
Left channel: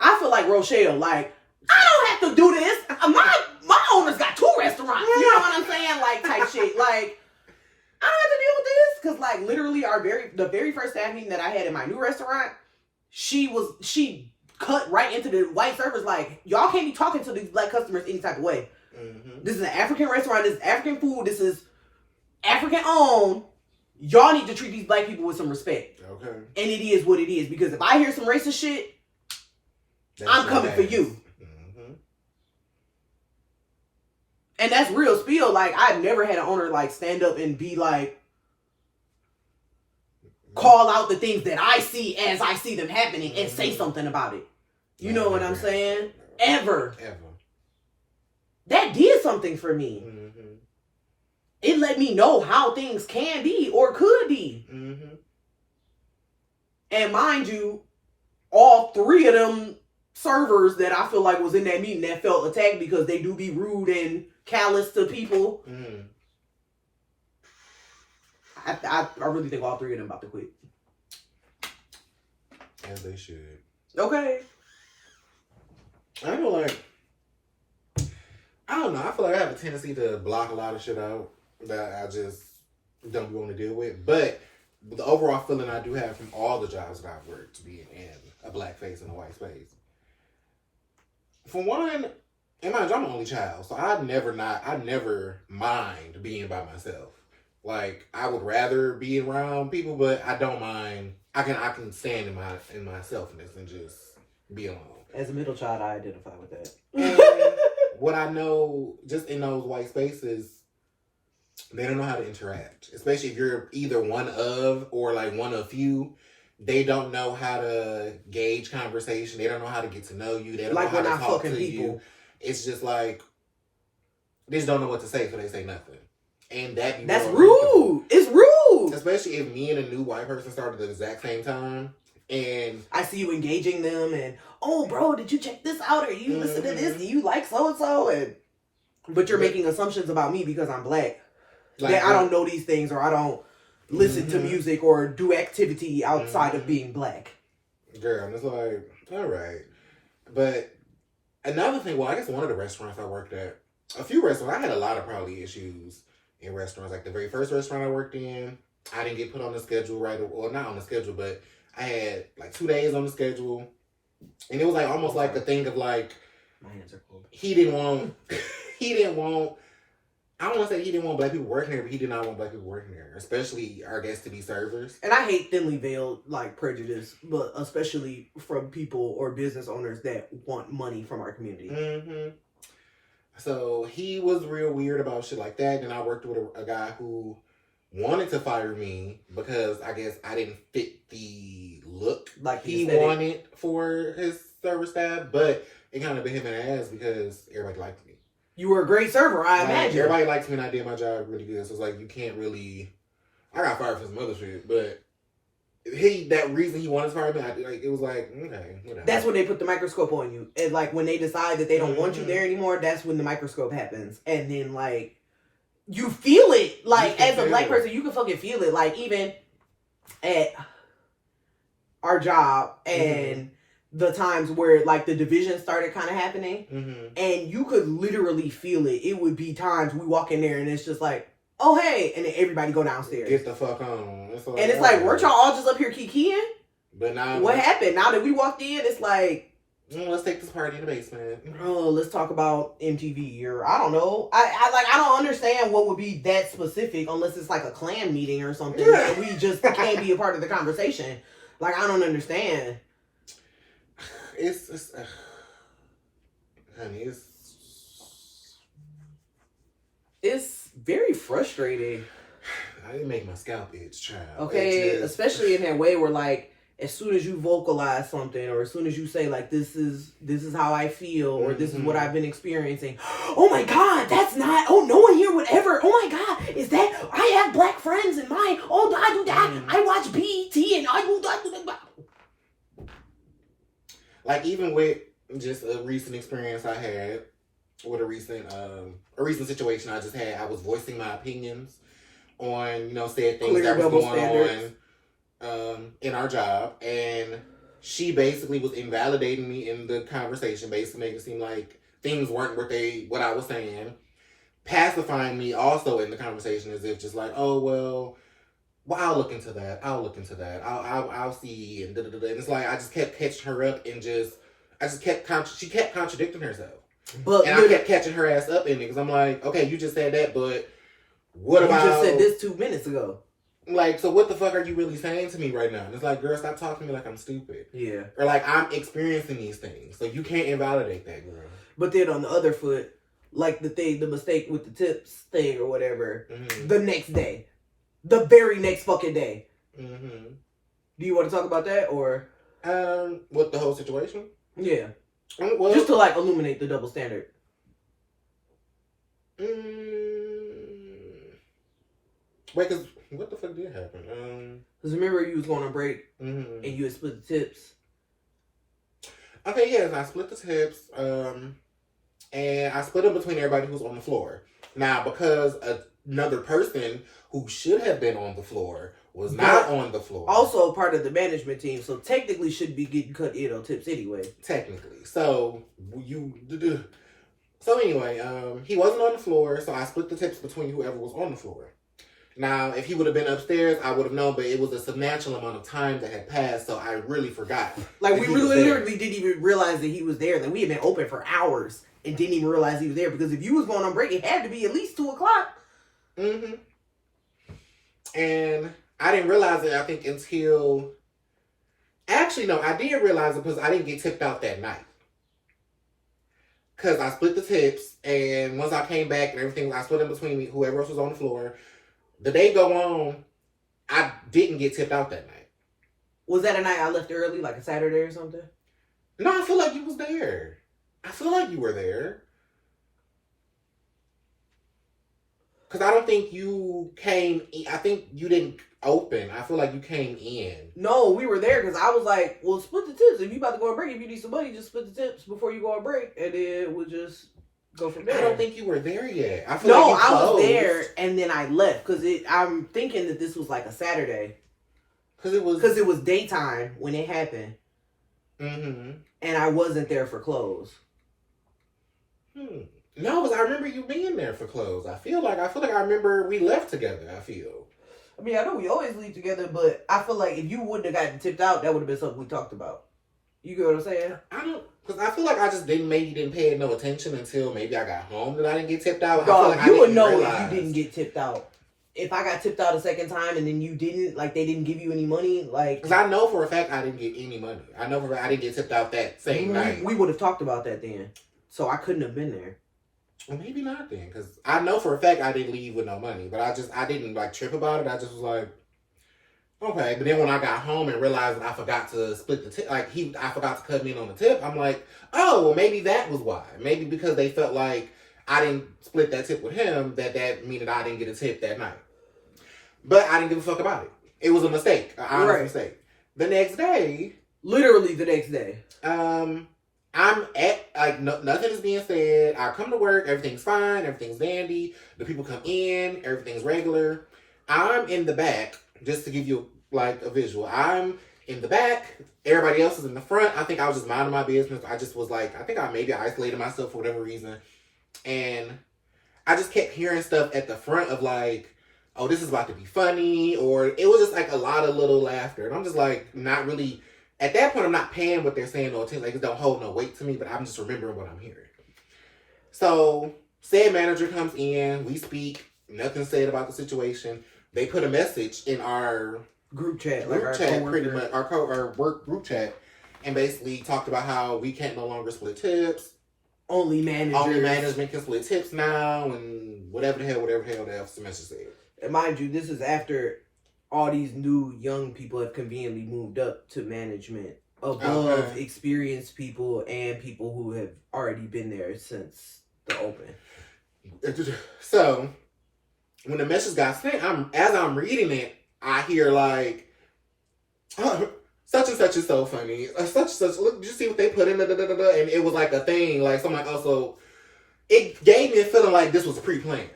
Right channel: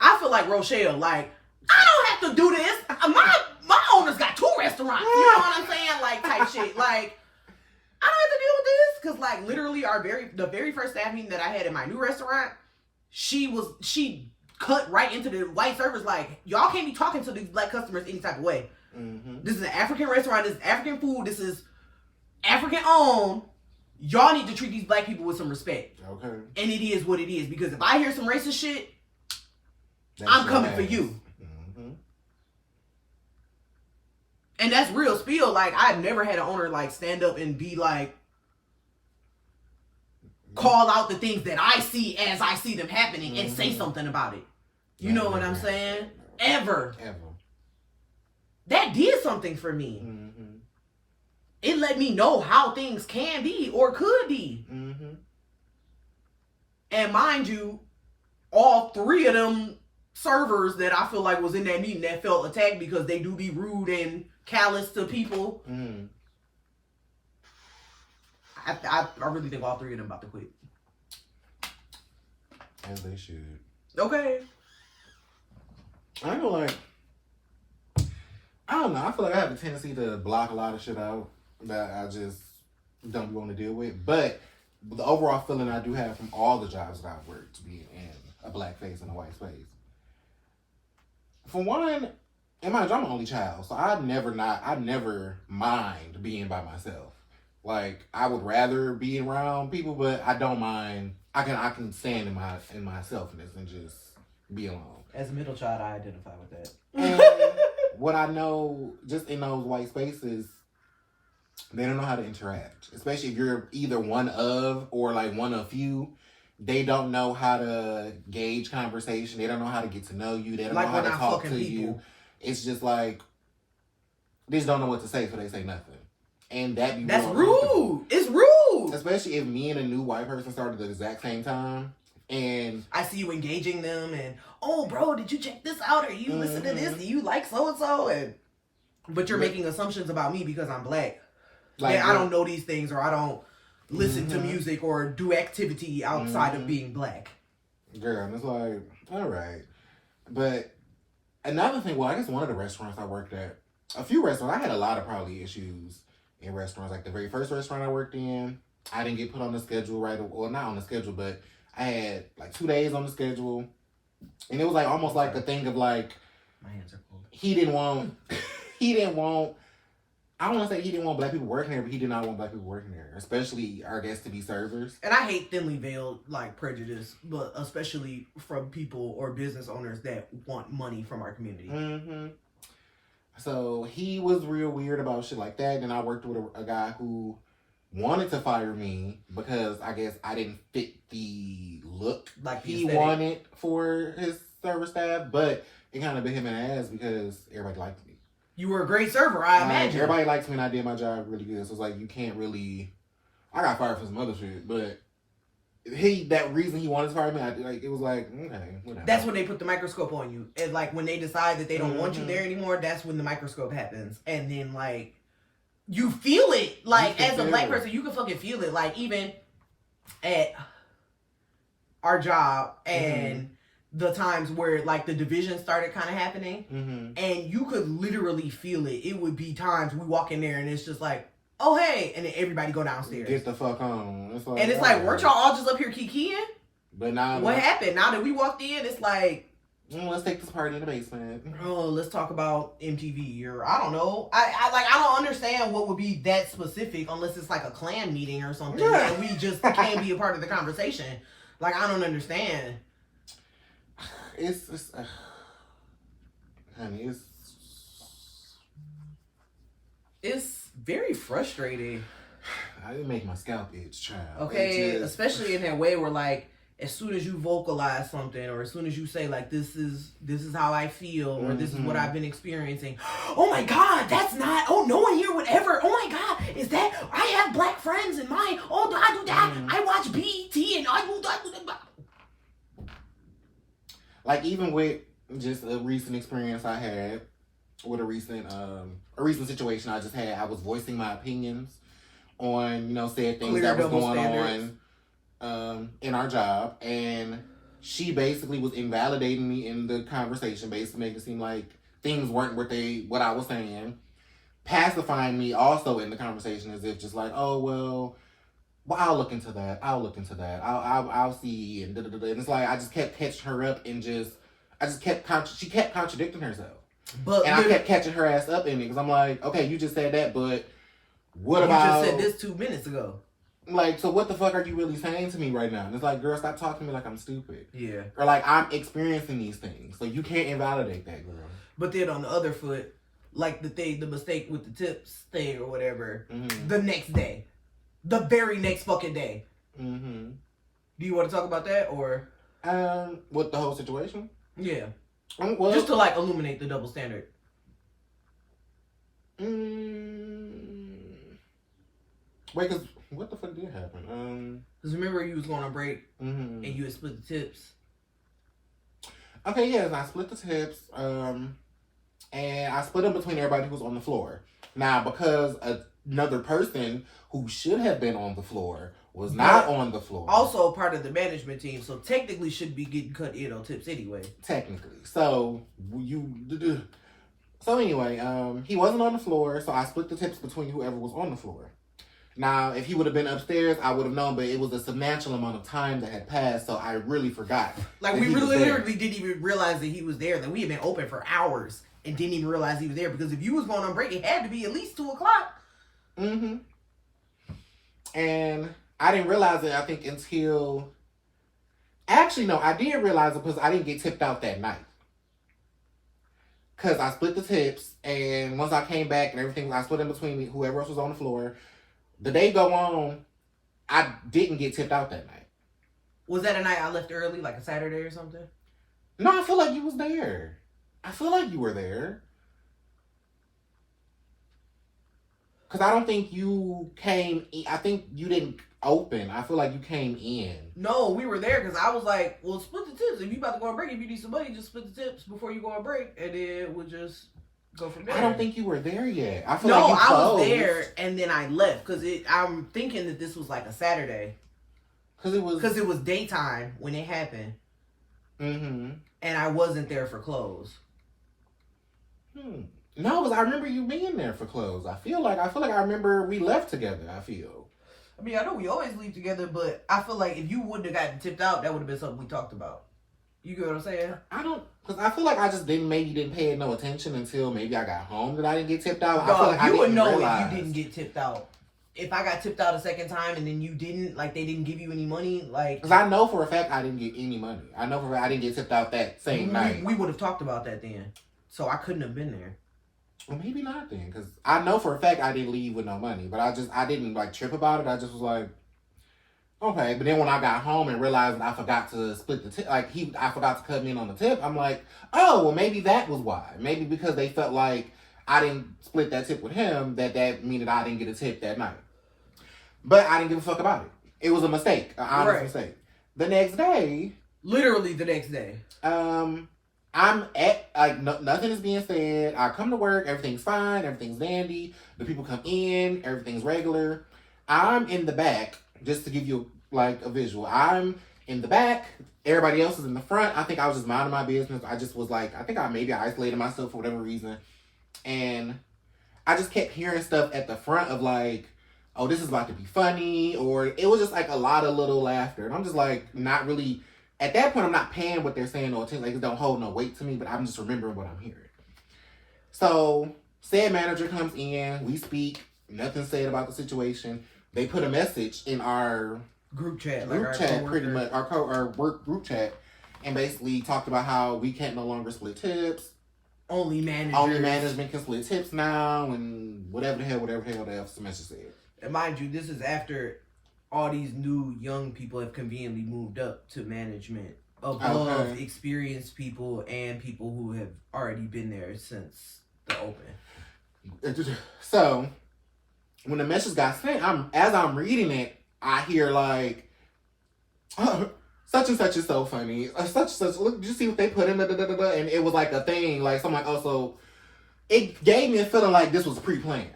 I feel like Rochelle, like, I don't have to do this. My owner's got 2 restaurants. You know what I'm saying? Like, type shit. Like, I don't have to deal with this. Because, like, literally the very first staff meeting that I had in my new restaurant, she cut right into the white servers like, y'all can't be talking to these Black customers any type of way. This is an African restaurant. This is African food. This is African owned. Y'all need to treat these Black people with some respect. Okay. And it is what it is. Because if I hear some racist shit, I'm coming for you. And that's real spiel. Like, I've never had an owner, like, stand up and be like, call out the things that I see as I see them happening and say something about it. You know what I'm saying? Ever. That did something for me. It let me know how things can be or could be. And mind you, all 3 of them servers that I feel like was in that meeting that felt attacked because they do be rude and callous to people. I really think all 3 of them about to quit. As they should. Okay. I feel like, I don't know. I feel like I have a tendency to block a lot of shit out that I just don't want to deal with. But the overall feeling I do have from all the jobs that I've worked, being in a Black face and a white space. For one, and mind you, I'm an only child, so I never mind being by myself. Like, I would rather be around people, but I don't mind. I can stand in my selfness and just be alone. As a middle child, I identify with that. And what I know, just in those white spaces, they don't know how to interact. Especially if you're either one of or like one of few. They don't know how to gauge conversation. They don't know how to get to know you. They don't know how to talk to you. It's just like, they just don't know what to say, so they say nothing. And that's rude. It's rude. Especially if me and a new white person started at the exact same time. And I see you engaging them and, oh, bro, did you check this out? Or you listen to this? Do you like so-and-so? But you're making assumptions about me because I'm Black. Like, that I don't know these things, or I don't listen to music or do activity outside of being Black. Girl, and it's like, all right. But another thing, well, I guess one of the restaurants I worked at, a few restaurants, I had a lot of probably issues in restaurants. Like the very first restaurant I worked in, I didn't get put on the schedule right away. Well, not on the schedule, but I had like 2 days on the schedule. And it was like almost like a thing of like, my hands are cold. He didn't want, I don't want to say he didn't want Black people working there, but he did not want Black people working there, especially our guests to be servers. And I hate thinly veiled like prejudice, but especially from people or business owners that want money from our community. So he was real weird about shit like that. Then I worked with a guy who wanted to fire me because I guess I didn't fit the look like he wanted for his server staff, but it kind of bit him in the ass because everybody liked me. You were a great server, I imagine. Everybody liked me and I did my job really good. So it's like, you can't really... I got fired for some other shit, but that reason he wanted to fire me, it was like, okay, whatever. That's when they put the microscope on you. And like, when they decide that they don't want you there anymore, that's when the microscope happens. And then like, you feel it. Like, as a Black person, you can fucking feel it. Like, even at our job and... the times where like the division started kind of happening and you could literally feel it. It would be times we walk in there and it's just like, oh, hey. And then everybody go downstairs. Get the fuck on. And it's like, weren't y'all all just up here kikiing? But now... What happened? Now that we walked in, it's like, Let's take this party in the basement. Oh, let's talk about MTV or I don't know. I don't understand what would be that specific unless it's like a clan meeting or something and we just can't be a part of the conversation. Like I don't understand. It's honey, it's very frustrating. I didn't make my scalp itch, child. Okay, especially in that way where like as soon as you vocalize something or as soon as you say like this is how I feel or this is what I've been experiencing, oh my god, that's not, oh no one here would ever, oh my god, is that, I have black friends in mine, oh I do that, I watch BET and I do that. Like even with just a recent experience I had with a recent situation I just had, I was voicing my opinions on, said things that was going on in our job, and she basically was invalidating me in the conversation, basically making it seem like things weren't what I was saying, pacifying me also in the conversation as if just like, oh well I'll look into that, I'll see, and and it's like I just kept catching her up and she kept contradicting herself, and I kept catching her ass up in it because I'm like, okay, you just said that, but what about you just said this 2 minutes ago. Like, so what the fuck are you really saying to me right now? And it's like, girl, stop talking to me like I'm stupid. Yeah. Or like I'm experiencing these things. So you can't invalidate that, girl. But then on the other foot, like the mistake with the tips thing or whatever, the next day. The very next fucking day. Mm-hmm. Do you want to talk about that or? What, the whole situation? Yeah. Well, just to like illuminate the double standard. Wait, because what the fuck did happen? Because remember you was going on break and you had split the tips. Okay, yes, I split the tips. And I split them between everybody who's on the floor. Now, because another person who should have been on the floor was not on the floor. Also part of the management team, so technically should be getting cut in on tips anyway. Technically. So, anyway, he wasn't on the floor, so I split the tips between whoever was on the floor. Now, if he would have been upstairs, I would have known, but it was a substantial amount of time that had passed, so I really forgot. Like, we really literally didn't even realize that he was there. That we had been open for hours and didn't even realize he was there, because if you was going on break, it had to be at least 2 o'clock. Mm-hmm. And I didn't realize it, I think, until... Actually, no, I did realize it because I didn't get tipped out that night. Because I split the tips, and once I came back and everything, I split in between me, whoever else was on the floor. The day go on, I didn't get tipped out that night. Was that a night I left early, like a Saturday or something? No, I feel like you was there. I feel like you were there. Because I don't think you came in. I think you didn't open. I feel like you came in. No, we were there because I was like, well, split the tips. If you about to go on break, if you need some money, just split the tips before you go on break. And then we'll just... go from there. I don't think you were there yet. I feel like you I was there and then I left because I'm thinking that this was like a Saturday. Because it was daytime when it happened. Mm-hmm. And I wasn't there for close. No, because I remember you being there for close. I feel like I remember we left together. I mean, I know we always leave together, but I feel like if you wouldn't have gotten tipped out, that would have been something we talked about. You get what I'm saying? Because I feel like I just didn't pay no attention until maybe I got home that I didn't get tipped out. Dog, I feel like you would know if you didn't get tipped out. If I got tipped out a second time and then you didn't, like they didn't give you any money, like... Because I know for a fact I didn't get any money. I know for a fact I didn't get tipped out that same night. We would have talked about that then. So I couldn't have been there. Well, maybe not then. Because I know for a fact I didn't leave with no money. But I didn't like trip about it. I just was like... Okay, but then when I got home and realized that I forgot to split the tip, I forgot to cut me in on the tip, I'm like, oh, well, maybe that was why. Maybe because they felt like I didn't split that tip with him, that mean that I didn't get a tip that night. But I didn't give a fuck about it. It was a mistake, an honest mistake. The next day... Literally the next day. I'm at, nothing is being said. I come to work, everything's fine, everything's dandy. The people come in, everything's regular. I'm in the back. Just to give you, a visual. I'm in the back. Everybody else is in the front. I think I was just minding my business. I just was I think I maybe isolated myself for whatever reason. And I just kept hearing stuff at the front of, oh, this is about to be funny. Or it was just, a lot of little laughter. And I'm just, not really At that point, I'm not paying what they're saying no attention. Like, it don't hold no weight to me, but I'm just remembering what I'm hearing. So, said manager comes in, we speak, nothing said about the situation. They put a message in our group chat, pretty much, our work group chat, and basically talked about how we can't no longer split tips. Only management can split tips now, and whatever the hell the message said. And mind you, this is after all these new young people have conveniently moved up to management above experienced people and people who have already been there since the open. So, when the message got sent, as I'm reading it, I hear like, such and such is so funny. Such and such, look, did you see what they put in? And it was like a thing. Like, someone also, it gave me a feeling like this was pre-planned.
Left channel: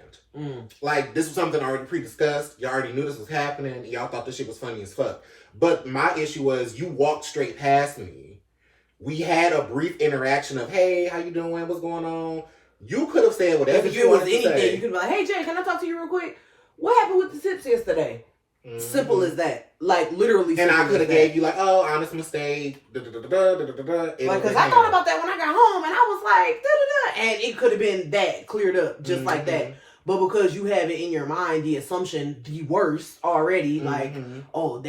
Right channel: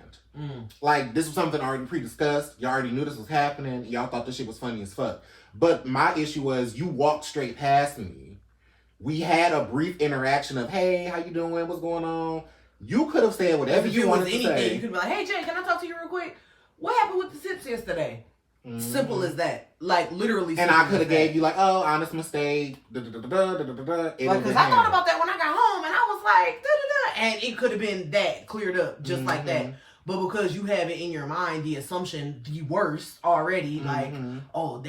Like, this was something already pre-discussed. Y'all already knew this was happening. Y'all thought this shit was funny as fuck. But my issue was, you walked straight past me. We had a brief interaction of, hey, how you doing? What's going on? You could have said whatever you wanted to say. You could be like, hey, Jay, can I talk to you real quick? What happened with the tips yesterday? Simple as that. Like, literally. And I could have gave you like, oh, honest mistake. Like, because I thought about that when I got home, and I was like, and it could have been that cleared up just like that. But because you have it in your mind, the assumption, the worst already, like, oh,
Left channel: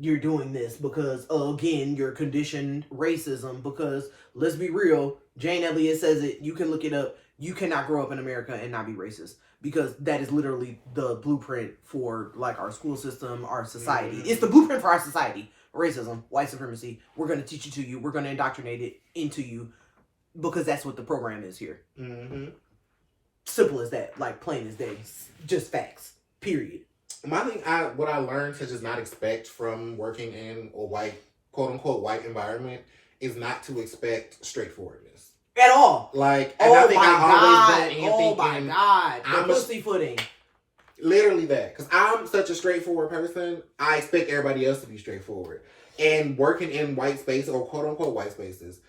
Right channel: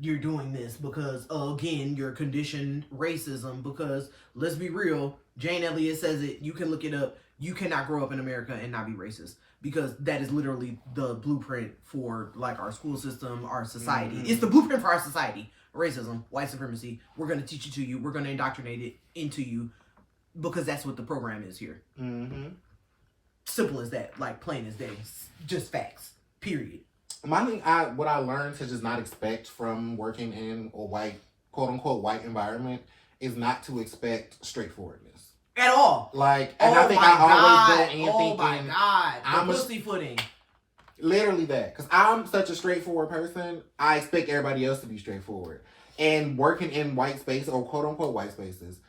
you're doing this because, again, you're conditioned racism. Because, let's be real, Jane Elliott says it, you can look it up, you cannot grow up in America and not be racist. Because that is literally the blueprint for, like, our school system, our society. It's the blueprint for our society. Racism, white supremacy. We're going to teach it to you. We're going to indoctrinate it into you. Because that's what the program is here. Simple as that. Like, plain as day. Just facts. Period. My thing, what I learned to just not expect from working in a white, quote-unquote, white environment is not to expect straightforwardness. At all. Like, and I think I always go in thinking, my God. I'm pussyfooting. Literally that. Because I'm such a straightforward person, I expect everybody else to be straightforward. And working in white space, or quote-unquote white spaces,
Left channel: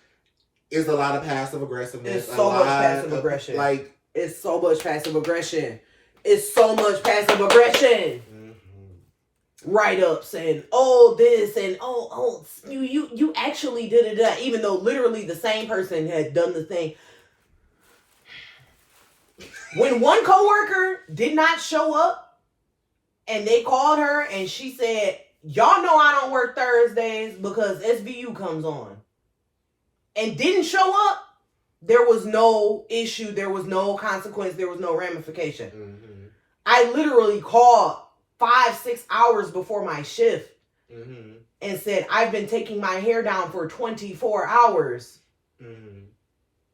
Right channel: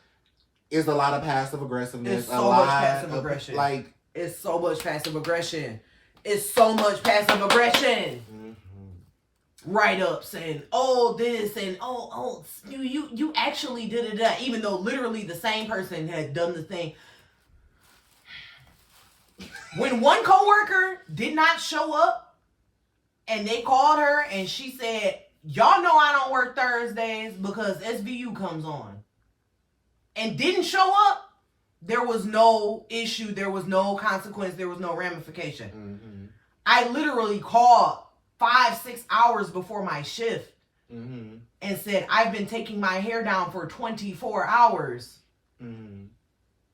is a lot of passive aggressiveness. It's so much passive aggression. Like, it's so much passive aggression. It's so much passive aggression. Write-ups and this and you actually did it, even though literally the same person had done the thing. When one coworker did not show up and they called her and she said, y'all know I don't work Thursdays because SVU comes on, and didn't show up, there was no issue, there was no consequence, there was no ramification. I literally called 5-6 hours before my shift and said, I've been taking my hair down for 24 hours.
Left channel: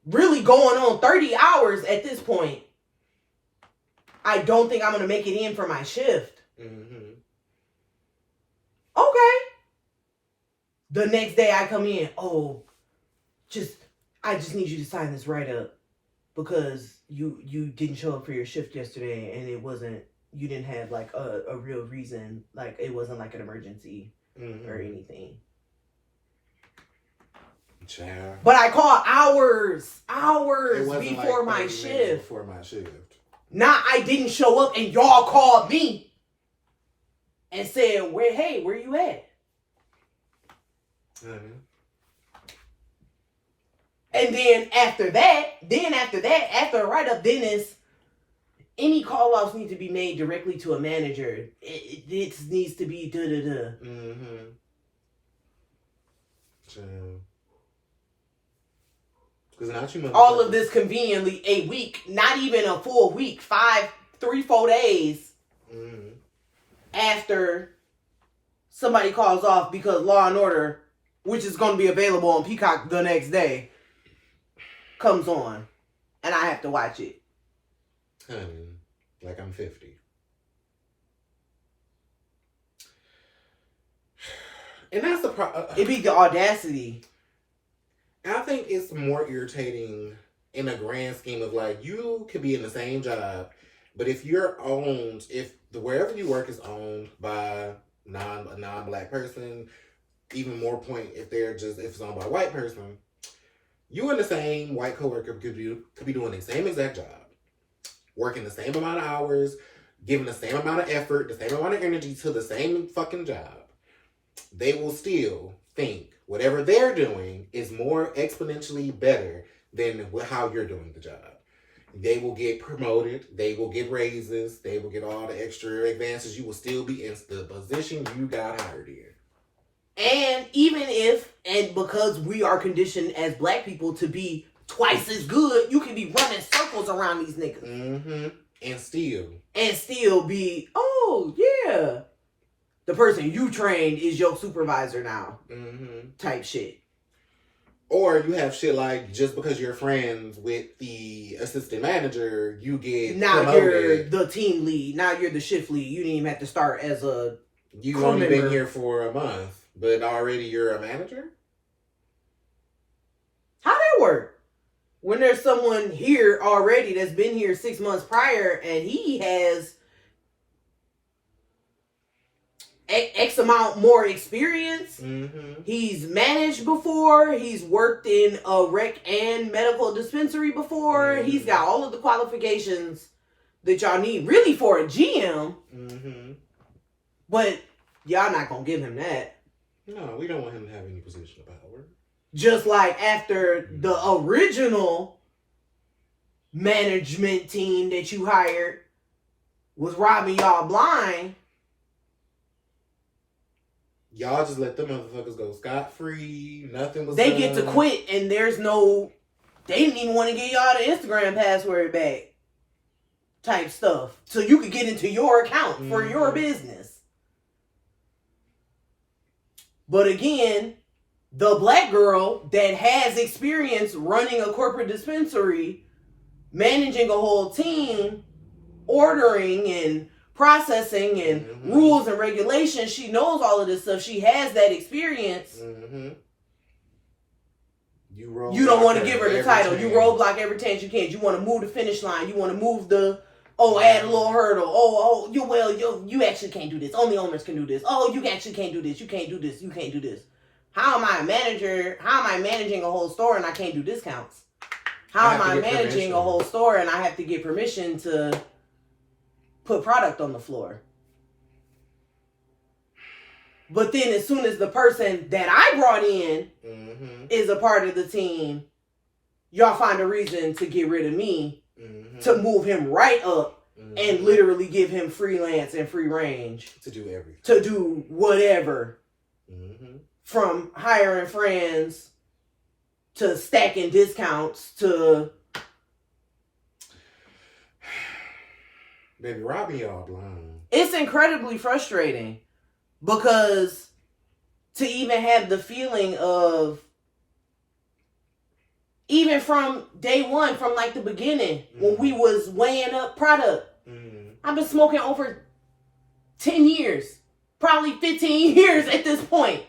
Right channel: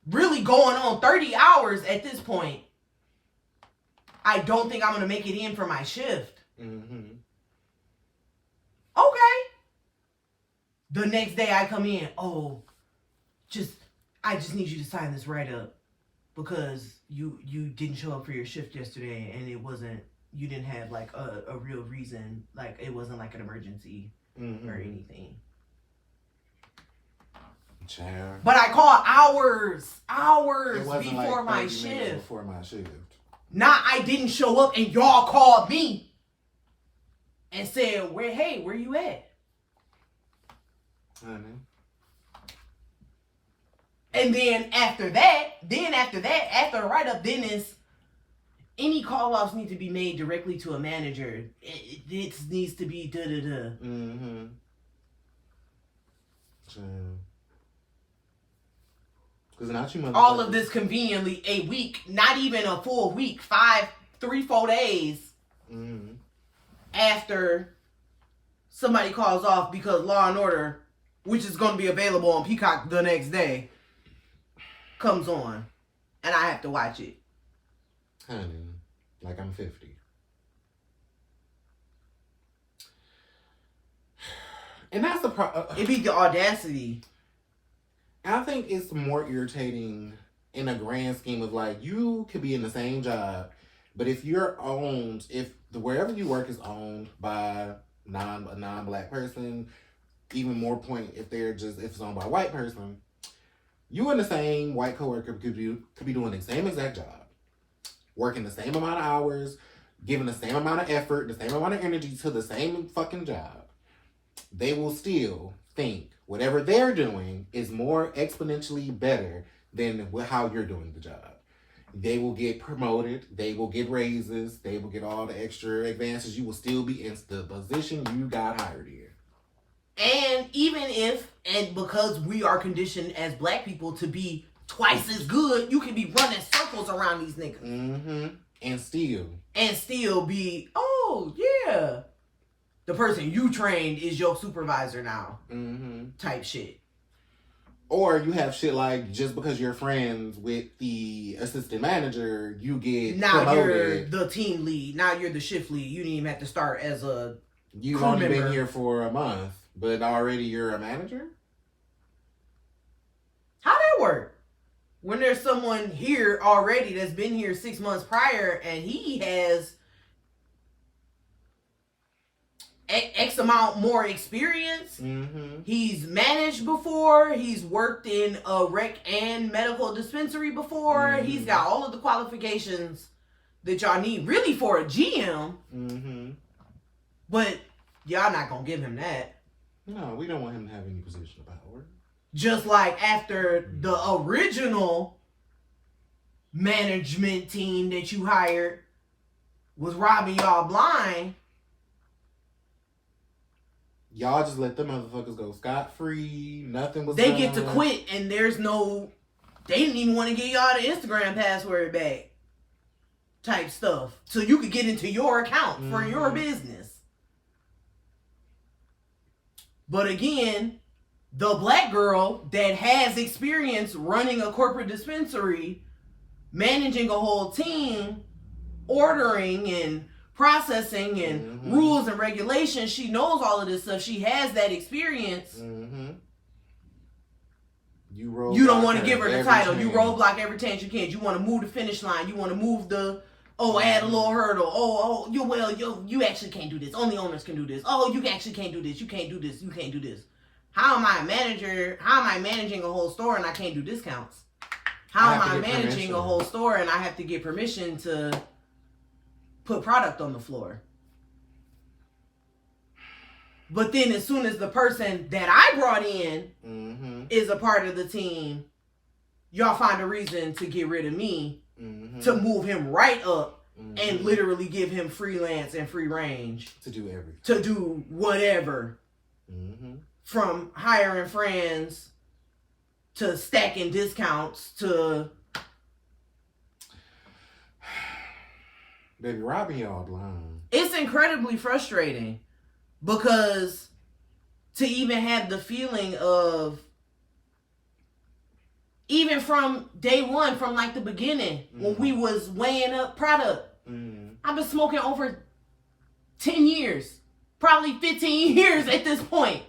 Really going on 30 hours at this point. I don't think I'm going to make it in for my shift. Okay. The next day I come in, I just need you to sign this write-up because you didn't show up for your shift yesterday and you didn't have like a real reason, like it wasn't like an emergency or anything. Child. But I called hours before my shift. Now I didn't show up and y'all called me and said, where you at? And then after that, after a write-up, then it's any call-offs need to be made directly to a manager. It needs to be da-da-da. All of this conveniently a week, not even a full week, 3-4 days after somebody calls off because Law and Order, which is going to be available on Peacock the next day, comes on, and I have to watch it. Honey, like I'm 50. And that's the problem. It be the audacity. I think it's more irritating in a grand scheme of like, you could be in the same job, but if wherever you work is owned by a non-black person, even more point if it's owned by a white person, you and the same white coworker could be doing the same exact job, working the same amount of hours, giving the same amount of effort, the same amount of energy to the same fucking job. They will still think whatever they're doing is more exponentially better than how you're doing the job. They will get promoted. They will get raises. They will get all the extra advances. You will still be in the position you got hired in. And even and because we are conditioned as black people to be twice as good, you can be running circles around these niggas. Mm-hmm. And still be, oh, yeah. The person you trained is your supervisor now. Mm-hmm. Type shit. Or you have shit like, just because you're friends with the assistant manager, you get promoted. You're the team lead. Now you're the shift lead. You didn't even have to start as a You've only been here for a month, but already you're a manager? How that work? When there's someone here already that's been here 6 months prior and he has X amount more experience. Mm-hmm. He's managed before. He's worked in a rec and medical dispensary before. Mm-hmm. He's got all of the qualifications that y'all need really for a GM. Mm-hmm. But y'all not gonna give him that. No, we don't want him to have any position of power. Just like after the original management team that you hired was robbing y'all blind. Y'all just let them motherfuckers go scot-free. Nothing was They get to quit and there's no... They didn't even want to give y'all the Instagram password back. Type stuff. So you could get into your account for your business. But again, the black girl that has experience running a corporate dispensary, managing a whole team, ordering and processing and rules and regulations, she knows all of this stuff. She has that experience. You don't want to give her the title. You roadblock every chance you can. You want to move the finish line. You want to move the add a little hurdle. You actually can't do this. Only owners can do this. Oh, you actually can't do this. You can't do this. You can't do this. How am I a manager? How am I managing a whole store and I can't do discounts? How am I managing a whole store and I have to get permission to put product on the floor? But then as soon as the person that I brought in is a part of the team, y'all find a reason to get rid of me, to move him right up and literally give him freelance and free range. To do everything. To do whatever. From hiring friends to stacking discounts to... Baby, robbing y'all blind. It's incredibly frustrating because to even have the feeling of, even from day one, from like the beginning, when we was weighing up product, I've been smoking over 10 years, probably 15 years at this point.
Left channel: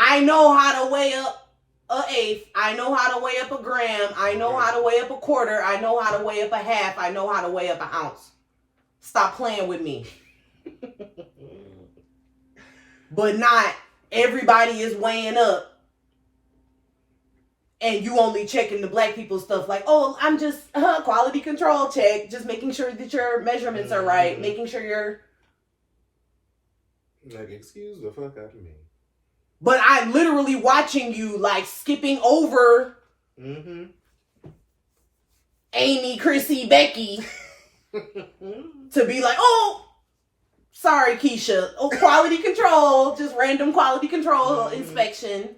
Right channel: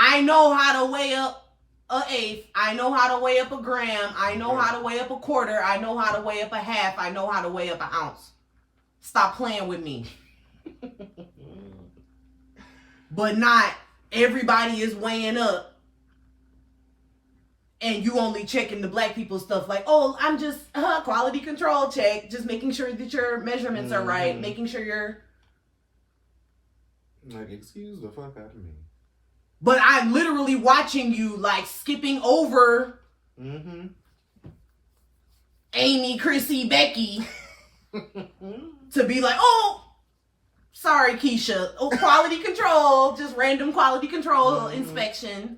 I know how to weigh up an eighth. I know how to weigh up a gram. I know how to weigh up a quarter. I know how to weigh up a half. I know how to weigh up an ounce. Stop playing with me. But not everybody is weighing up. And you only checking the black people stuff like, oh, I'm just quality control check. Just making sure that your measurements are right. Making sure you're... Like, excuse the fuck out of me. But I'm literally watching you, like, skipping over Amy, Chrissy, Becky to be like, oh, sorry, Keisha. Oh, quality control. Just random quality control inspection.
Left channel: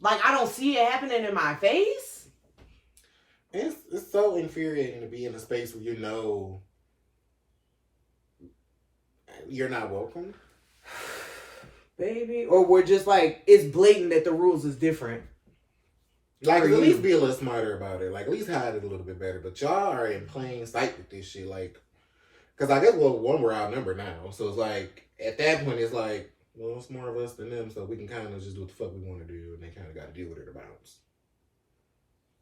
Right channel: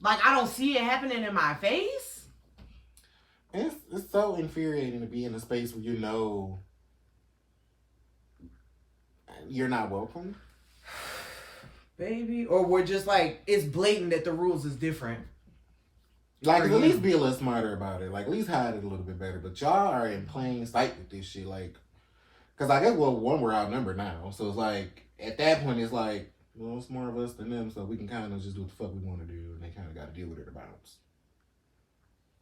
Like, I don't see it happening in my face. It's so infuriating to be in a space where you know you're not welcome. Baby. Or we're just like, it's blatant that the rules is different. Like, at least be a little smarter about it. Like, at least hide it a little bit better. But y'all are in plain sight with this shit. Like, because I guess, well, one, we're outnumbered now. So it's like, at that point, it's like, well, it's more of us than them. So we can kind of just do what the fuck we want to do. And they kind of got to deal with it about us.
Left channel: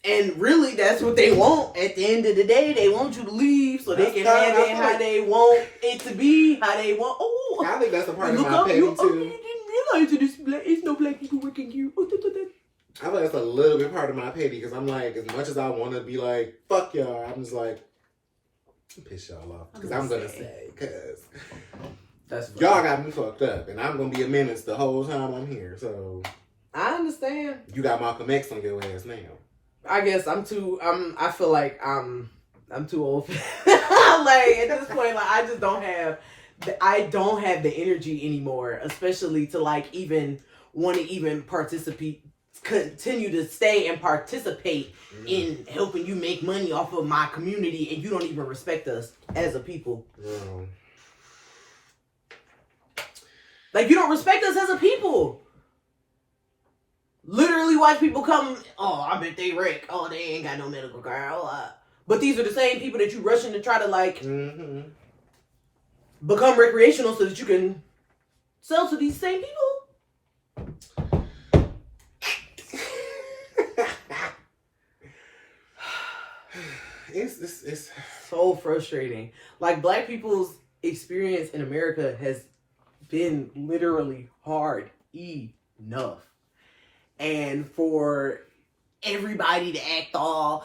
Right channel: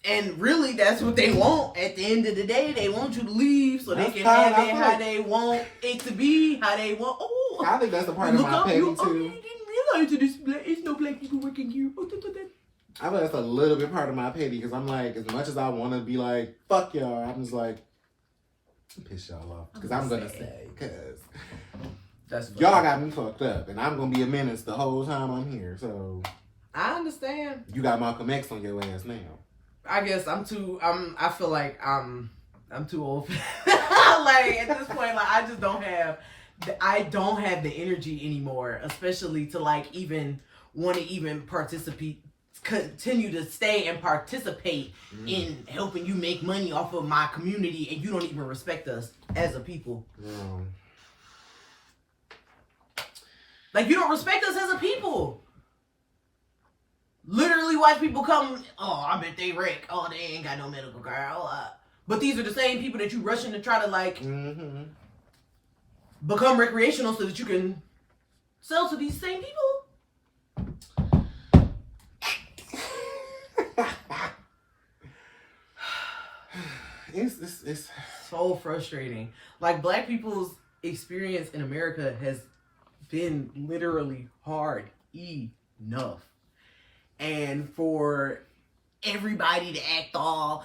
And really, that's what they want. At the end of the day, they want you to leave so they can have it how they want it to be, how they want. Oh, I think that's a part of my petty, too. Oh, you didn't realize that it's no black people working here. I think that's a little bit part of my petty because I'm like, as much as I want to be like, fuck y'all, I'm just like, piss y'all off. Because I'm going to say, because Y'all got me fucked up, and I'm gonna be a menace the whole time I'm here. So I understand. You got Malcolm X on your ass now. I guess I feel like I'm too old. Like at this point, like I just don't have the energy anymore, especially to like even want to even continue to stay and participate in helping you make money off of my community, and you don't even respect us as a people. Like you don't respect us as a people. Literally watch people come, oh, I bet they wreck. Oh, they ain't got no medical card. But these are the same people that you rushing to try to like become recreational so that you can sell to these same people. It's so frustrating. Like Black people's experience in America has been literally hard enough. And for everybody to act all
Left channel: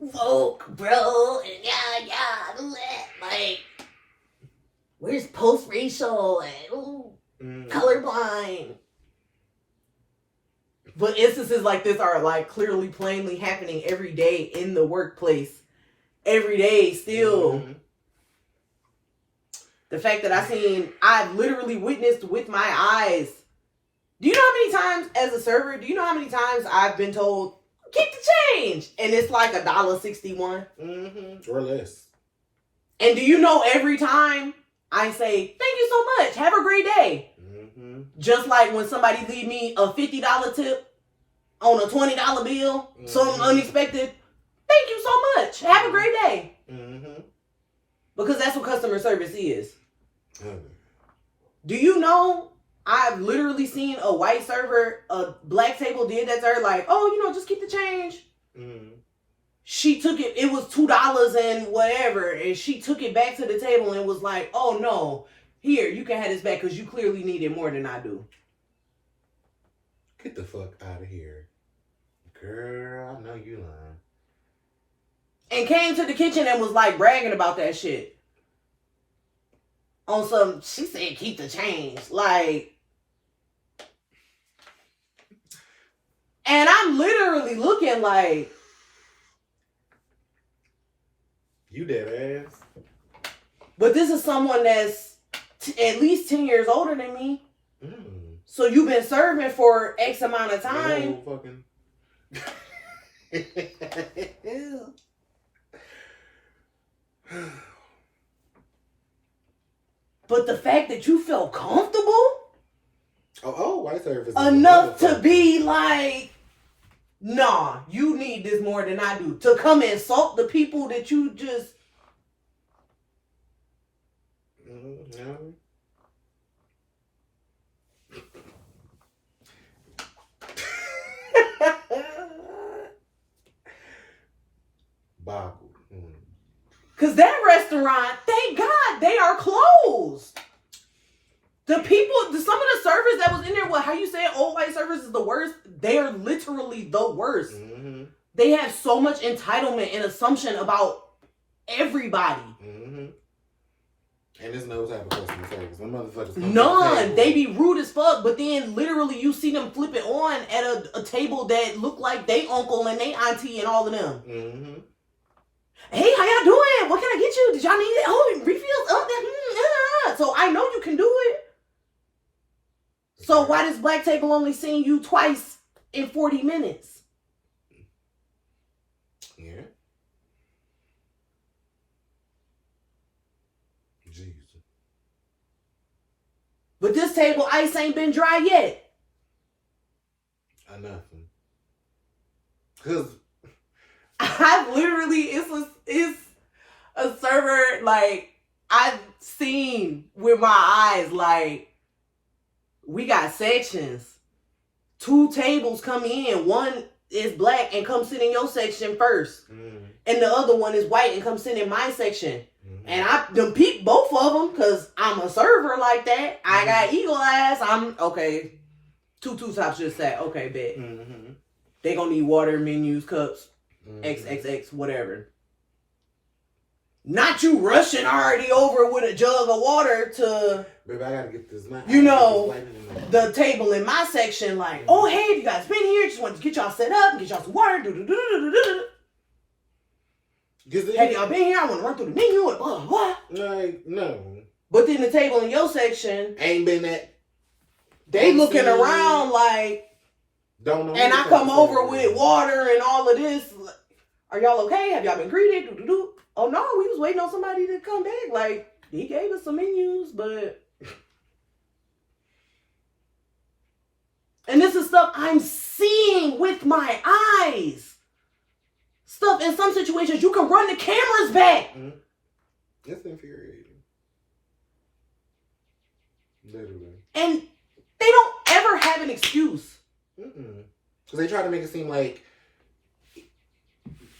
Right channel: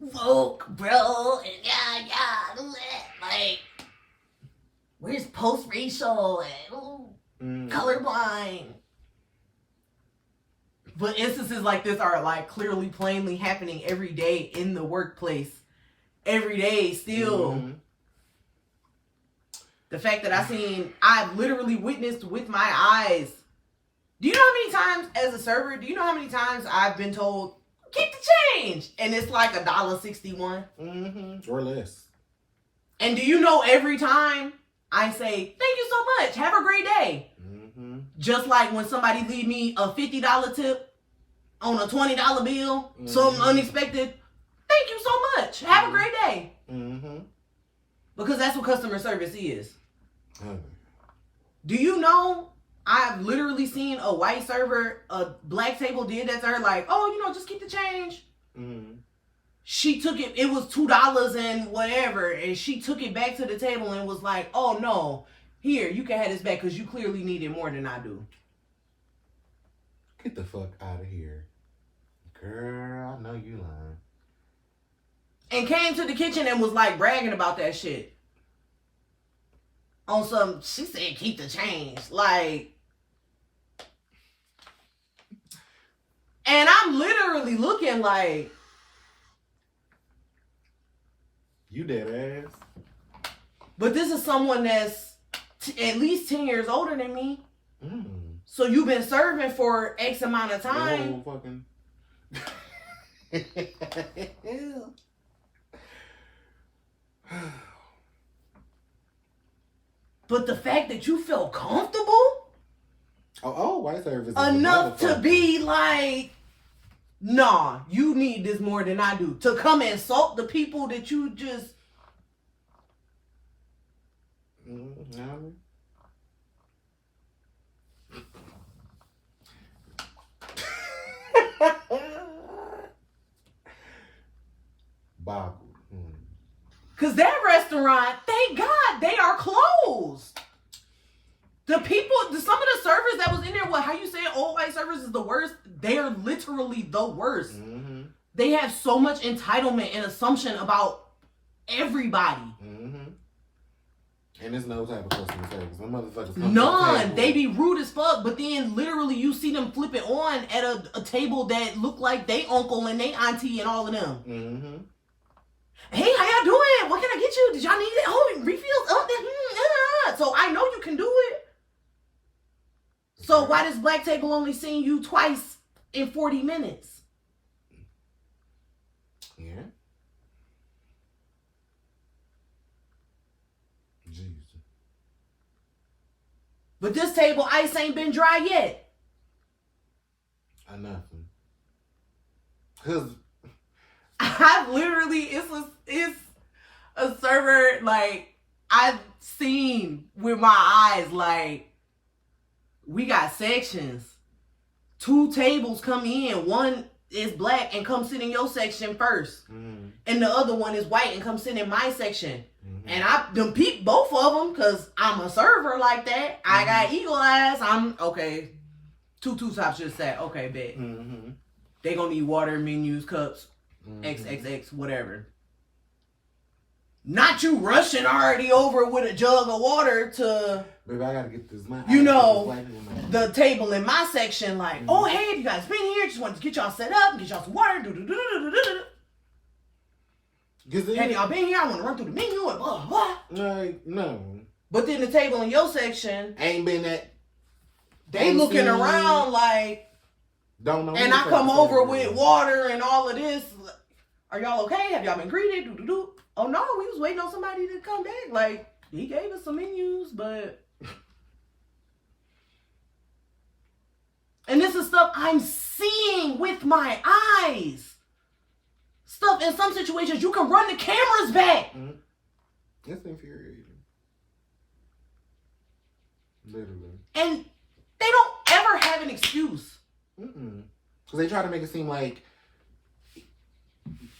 woke, bro, and like, where's post-racial and colorblind? But instances like this are like clearly, plainly happening every day in the workplace. Every day, still. The fact that I've literally witnessed with my eyes. Do you know how many times as a server, do you know how many times I've been told, keep the change? And it's like $1.61. Or less. And do you know every time I say, thank you so much, have a great day. Just like when somebody leave me a $50 tip on a $20 bill, something unexpected, thank you so much, have a great day. Because that's what customer service is. Do you know I've literally seen a white server, a Black table did that to her, like, oh, just keep the change. She took it, it was $2 and whatever, and she took it back to the table and was like, oh no, here, you can have this back because you clearly need it more than I do. Get the fuck out of here. Girl, I know you lying. And came to the kitchen and was like bragging about that shit. On some, she said keep the change. Like, and I'm literally looking like, you dead ass. But this is someone that's at least 10 years older than me. So you've been serving for X amount of time. Fucking... But the fact that you felt comfortable white service enough to be like, nah, you need this more than I do. To come and insult the people that you just... Boggled. Because that restaurant, thank God, they are closed. The people, some of the servers that was in there, how you say it, old white servers is the worst. They are literally the worst. They have so much entitlement and assumption about everybody. And there's no type of customer service. Them motherfuckers none. They be rude as fuck, but then literally you see them flip it on at a table that look like they uncle and they auntie and all of them. Hey, how y'all doing? What can I get you? Did y'all need it? Oh, refills? So I know you can do it. So why does Black Table only seeing you twice in 40 minutes? Yeah. Jesus. But this table ice ain't been dry yet. Nothing. Cause I've literally, it's a server, like, I've seen with my eyes, like, we got sections. 2 tables come in. One is Black and come sit in your section first. And the other one is white and come sit in my section. And I done peep both of them because I'm a server like that. I got eagle eyes. I'm, okay, 2 tops just sat. Okay, bet. They gonna need water, menus, cups. XXX, whatever. Not you rushing already over with a jug of water to, baby, I gotta get this money. The table in my section, like, oh, hey, you guys been here? Just wanted to get y'all set up and get y'all some water. Have y'all been here? I want to run through the menu and blah, blah. Like, no. But then the table in your section ain't been that. They looking around like, don't know. And I come over with water and all of this. Are y'all okay? Have y'all been greeted? Oh no, we was waiting on somebody to come back. Like, he gave us some menus, but. And this is stuff I'm seeing with my eyes. Stuff in some situations you can run the cameras back. It's infuriating. Literally. And they don't ever have an excuse. Because they try to make it seem like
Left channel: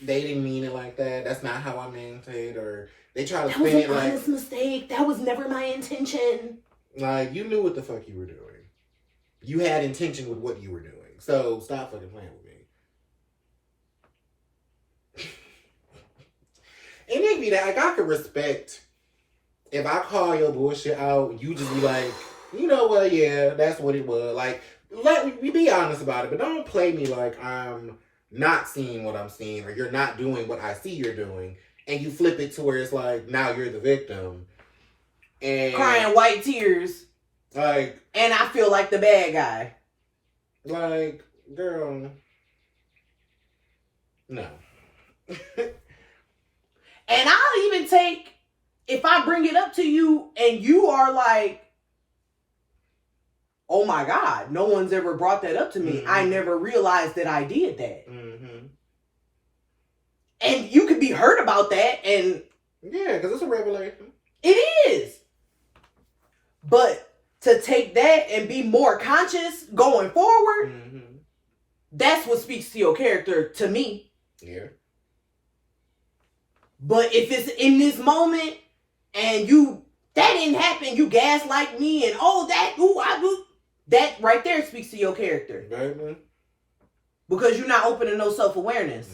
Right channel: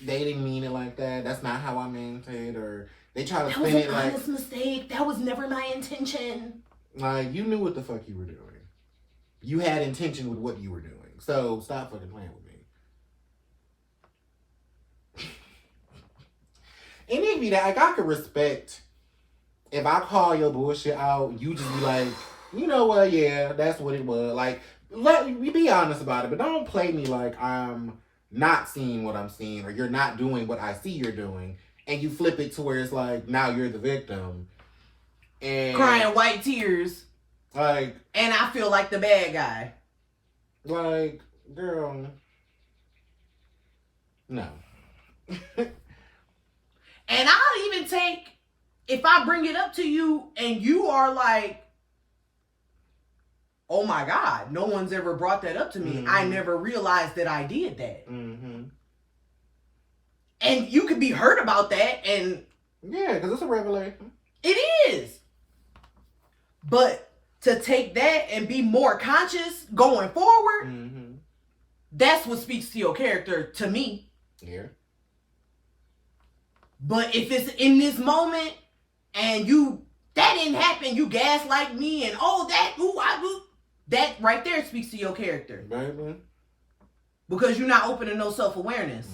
they didn't mean it like that. That's not how I meant it. Or they try to spin it like... That was an honest mistake. That was never my intention. Like, you knew what the fuck you were doing. You had intention with what you were doing. So, stop fucking playing with me. And it be that, like, I could respect if I call your bullshit out, you just be like, you know what, yeah, that's what it was. Like, let me be honest about it, but don't play me like I'm not seeing what I'm seeing, or you're not doing what I see you're doing, and you flip it to where it's like, now you're the victim. And crying white tears. Like, and I feel like the bad guy. Like, girl, no. And I'll even take, if I bring it up to you and you are like, oh my God, no one's ever brought that up to me. I never realized that I did that. And you could be hurt about that. And yeah, because it's a revelation. It is. But to take that and be more conscious going forward, that's what speaks to your character to me. Yeah. But if it's in this moment and that didn't happen, you gaslight me and that right there speaks to your character. Baby. Because you're not open to no self-awareness.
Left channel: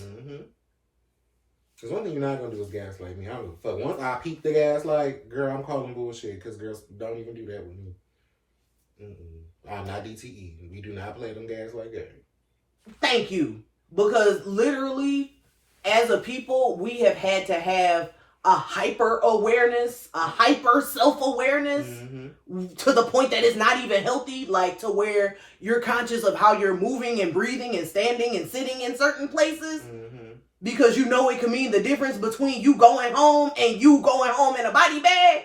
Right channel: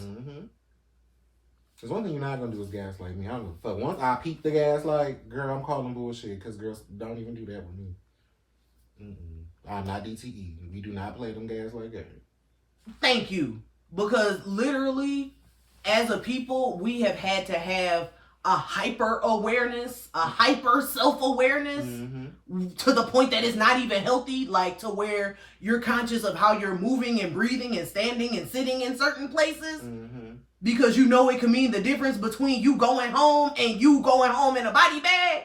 Because one thing you're not going to do is gaslight me. I don't give a fuck. Once I peep the gaslight, girl, I'm calling bullshit. Because girls don't even do that with me. I'm not DTE. We do not play them gaslight games. Thank you. Because literally, as a people, we have had to have a hyper awareness, a hyper self-awareness to the point that it's not even healthy, like to where you're conscious of how you're moving and breathing and standing and sitting in certain places because you know it can mean the difference between you going home and you going home in a body bag.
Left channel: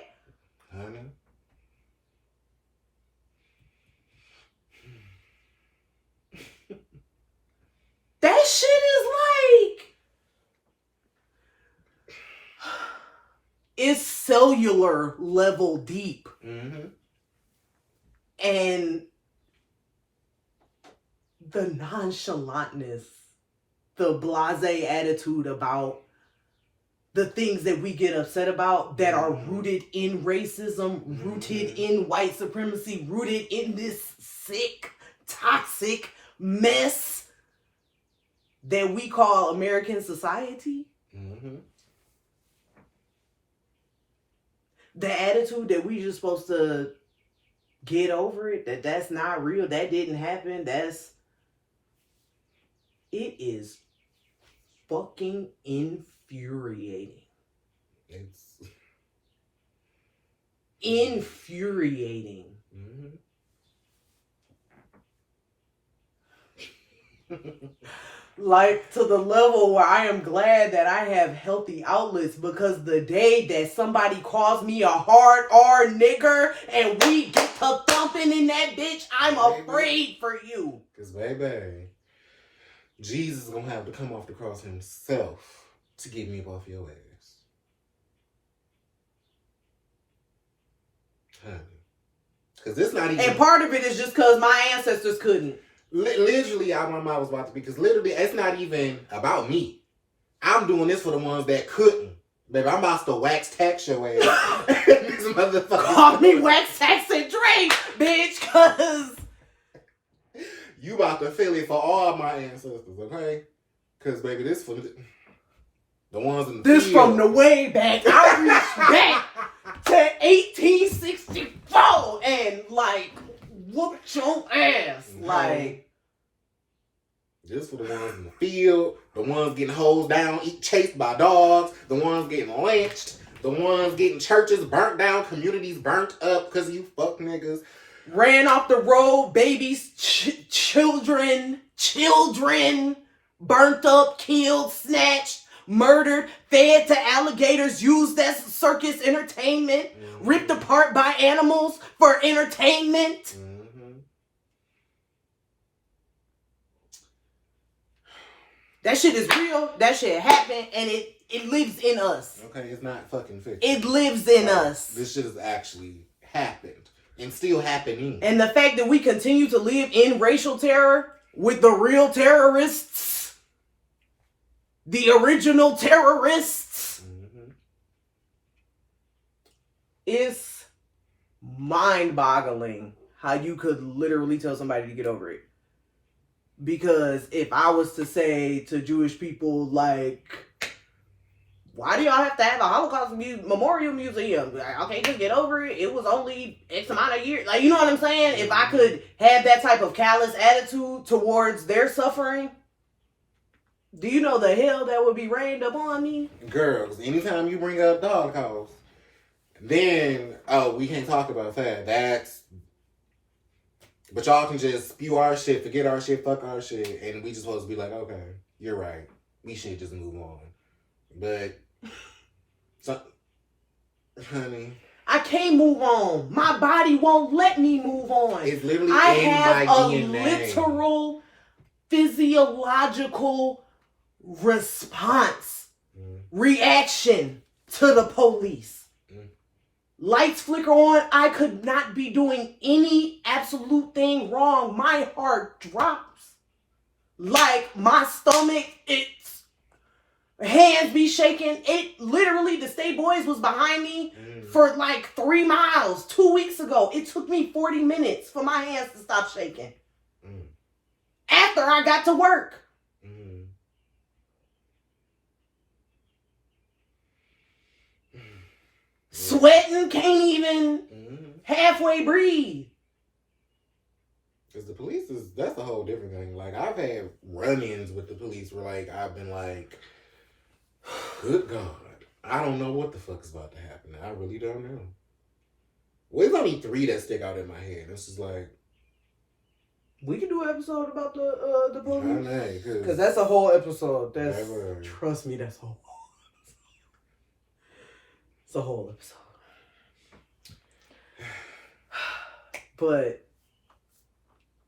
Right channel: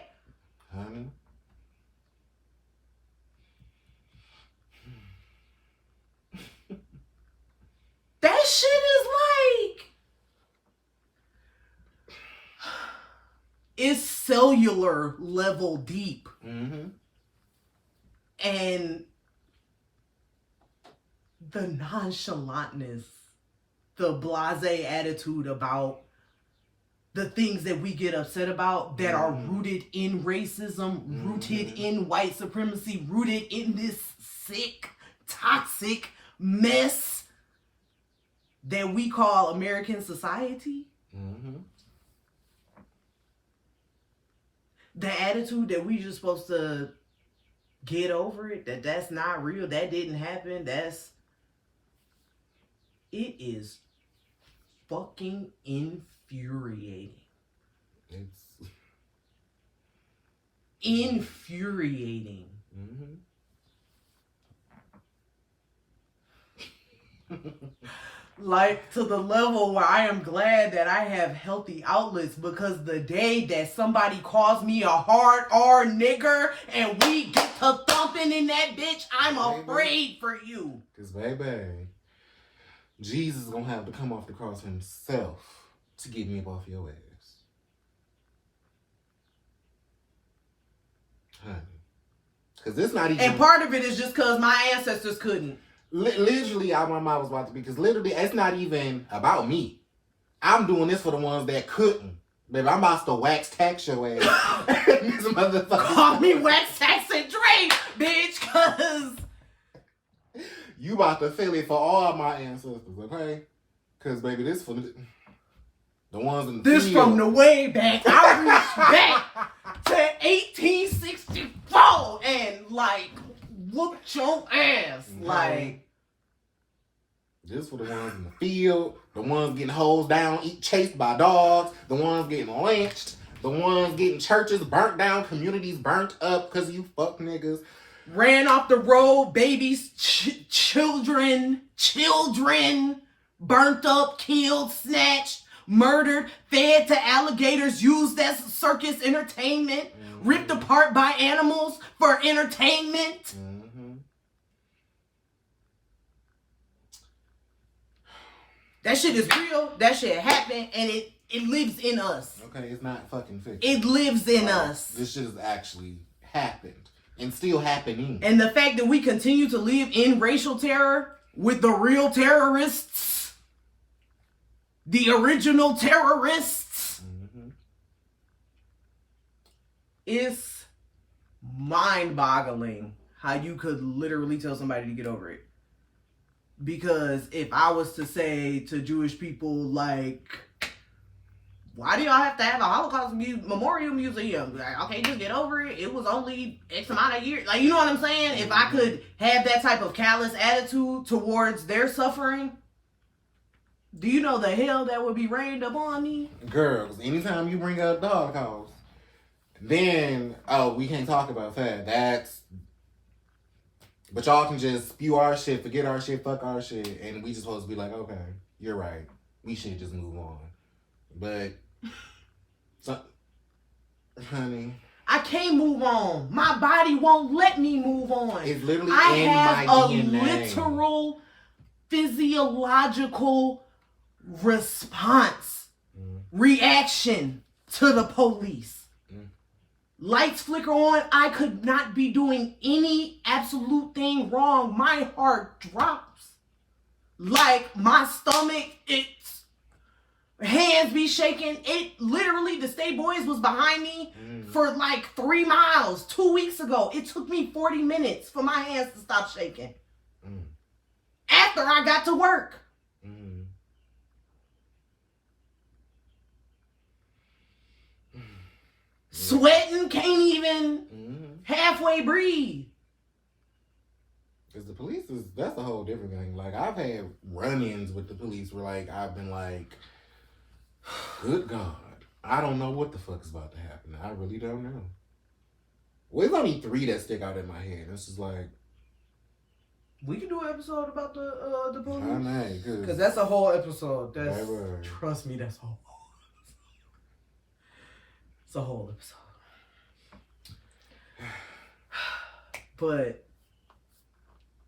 Honey. That shit is like, it's cellular level deep. And the nonchalantness, the blasé attitude about the things that we get upset about that are rooted in racism, rooted in white supremacy, rooted in this sick, toxic mess that we call American society. The attitude that we just supposed to get over it, that's not real, that didn't happen, it is fucking infuriating. It's infuriating. Like, to the level where I am glad that I have healthy outlets, because the day that somebody calls me a hard R nigger and we get to thumping in that bitch, I'm afraid for you. Because, baby, Jesus is going to have to come off the cross himself to get me up off your ass. Honey. Because this not even... And part of it is just because my ancestors couldn't. Literally, my mom was about to be, because literally, it's not even about me. I'm doing this for the ones that couldn't. Baby, I'm about to wax tax your ass. This motherfucker. Call me wax tax and Drake, bitch, because you about to feel it for all my ancestors, okay? Because, baby, this for... The ones in the This field. from the way back. I reached back to 1864 and like whooped your ass. Like, this for the ones in the field, the ones getting hosed down, chased by dogs, the ones getting lynched, the ones getting churches burnt down, communities burnt up because of you fuck niggas. Ran off the road, babies, children, burnt up, killed, snatched, murdered, fed to alligators, used as circus entertainment, ripped apart by animals for entertainment. That shit is real. That shit happened, and it lives in us. Okay, it's not fucking fiction. It lives in us. This shit has actually happened and still happening. And the fact that we continue to live in racial terror with the real terrorists, the original terrorists, is mind-boggling how you could literally tell somebody to get over it. Because if I was to say to Jewish people, like, why do y'all have to have a Holocaust Memorial Museum? Like, okay, just get over it. It was only X amount of years. Like, you know what I'm saying? If I could have that type of callous attitude towards their suffering, do you know the hell that would be rained upon me? Girls, anytime you bring up the Holocaust, then, we can't talk about that. But y'all can just spew our shit, forget our shit, fuck our shit, and we just supposed to be like, okay, you're right. We should just move on. But, honey, I can't move on. My body won't let me move on. It's literally I in have my a DNA. literal physiological response, reaction to the police. Lights flicker on. I could not be doing any absolute thing wrong. My heart drops. Like my stomach, it's hands be shaking. It literally, the State Boys was behind me for like 3 miles 2 weeks ago. It took me 40 minutes for my hands to stop shaking. After I got to work. Sweating, can't even halfway breathe. Because the police that's a whole different thing. Like, I've had run-ins with the police where, like, I've been like, good God, I don't know what the fuck is about to happen. I really don't know. Well, there's only 3 that stick out in my head. It's just like, we can do an episode about the police. I know, because that's a whole episode. That's never. Trust me, that's a whole. It's a whole episode. But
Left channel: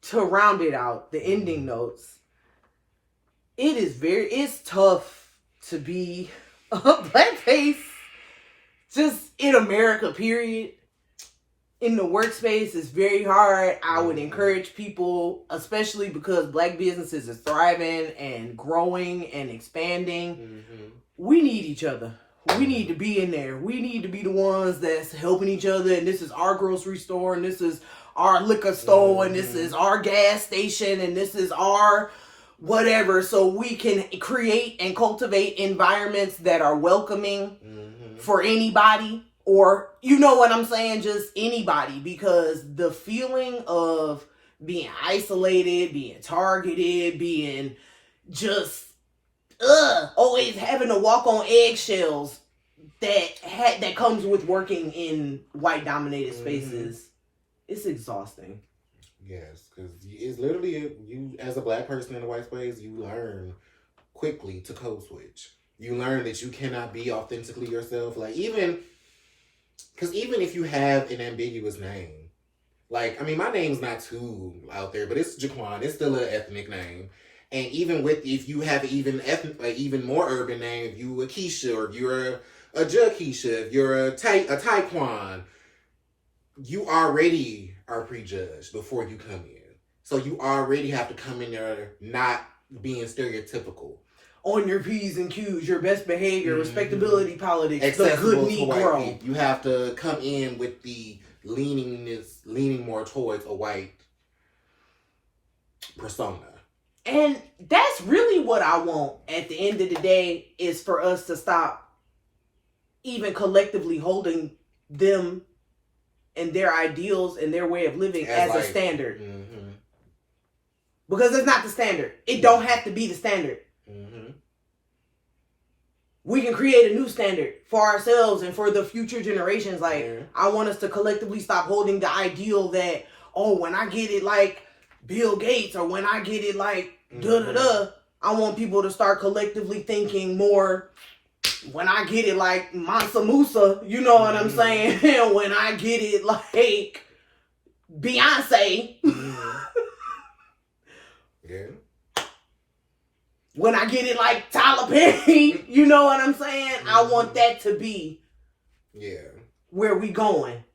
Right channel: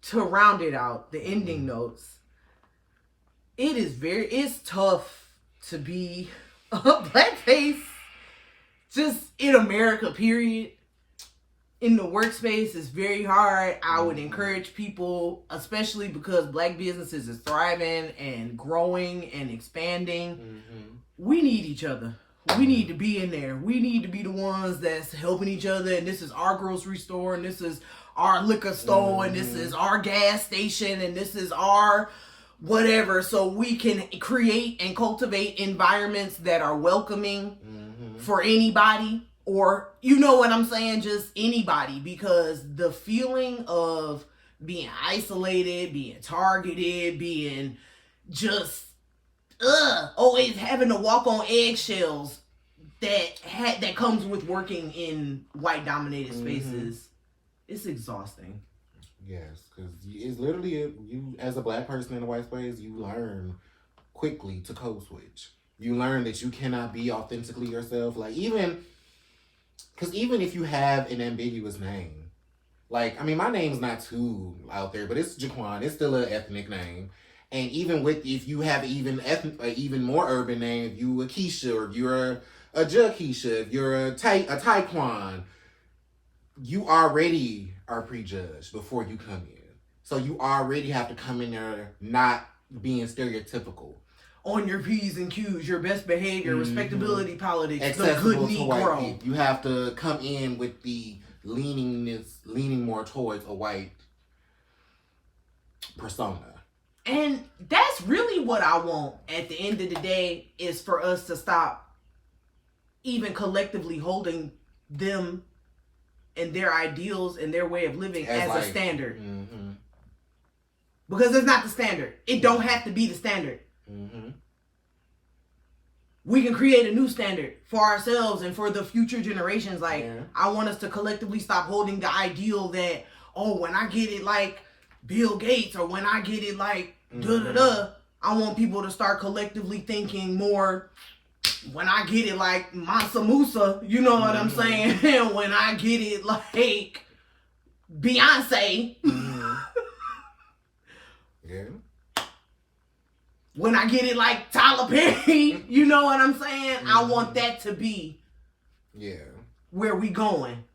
to round it out, the ending notes. It's tough to be a blackface just in America, period. In the workspace, it's very hard. I would encourage people, especially because black businesses is thriving and growing and expanding. We need each other. We need to be in there. We need to be the ones that's helping each other. And this is our grocery store. And this is our liquor store. And this is our gas station. And this is our whatever. So we can create and cultivate environments that are welcoming for anybody. Or, you know what I'm saying? Just anybody. Because the feeling of being isolated, being targeted, being just always having to walk on eggshells that comes with working in white dominated spaces. It's exhausting. Yes, because it's literally, you as a black person in a white space, you learn quickly to code switch. You learn that you cannot be authentically yourself. Like, even if you have an ambiguous name, like, I mean, my name's not too out there, but it's Jaquan. It's still an ethnic name. And even if you have even more urban name, if you a Keisha, or if you're a Jakeisha, if you're a Taekwon, you already are prejudged before you come in. So you already have to come in there not being stereotypical. On your P's and Q's, your best behavior, respectability politics, accessible the good to white Negro. people. You have to come in with the leaning more towards a white persona. And that's really what I want at the end of the day, is for us to stop even collectively holding them and their ideals and their way of living as a standard. Mm-hmm. Because it's not the standard. It don't have to be the standard. Mm-hmm. We can create a new standard for ourselves and for the future generations. Like, I want us to collectively stop holding the ideal that, oh, when I get it like Bill Gates, or when I get it like da-da-da, I want people to start collectively thinking more, when I get it like Mansa Musa, you know what I'm saying? And when I get it like Beyonce. Yeah. When I get it like Tyler Perry, you know what I'm saying? I want that to be where we going.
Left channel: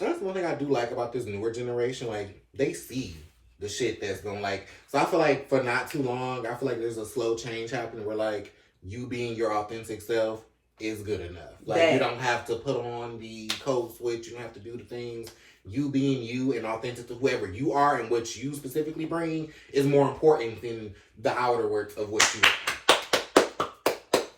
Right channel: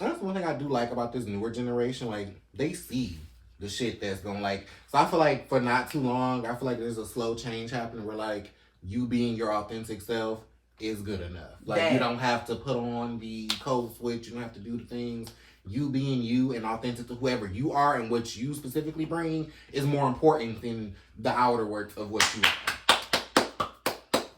That's one thing I do like about this newer generation. Like, they see the shit that's going, like... So I feel like for not too long, I feel like there's a slow change happening where, like, you being your authentic self is good enough. Like, you don't have to put on the code switch. You don't have to do the things. You being you and authentic to whoever you are and what you specifically bring is more important than the outer work of what you are.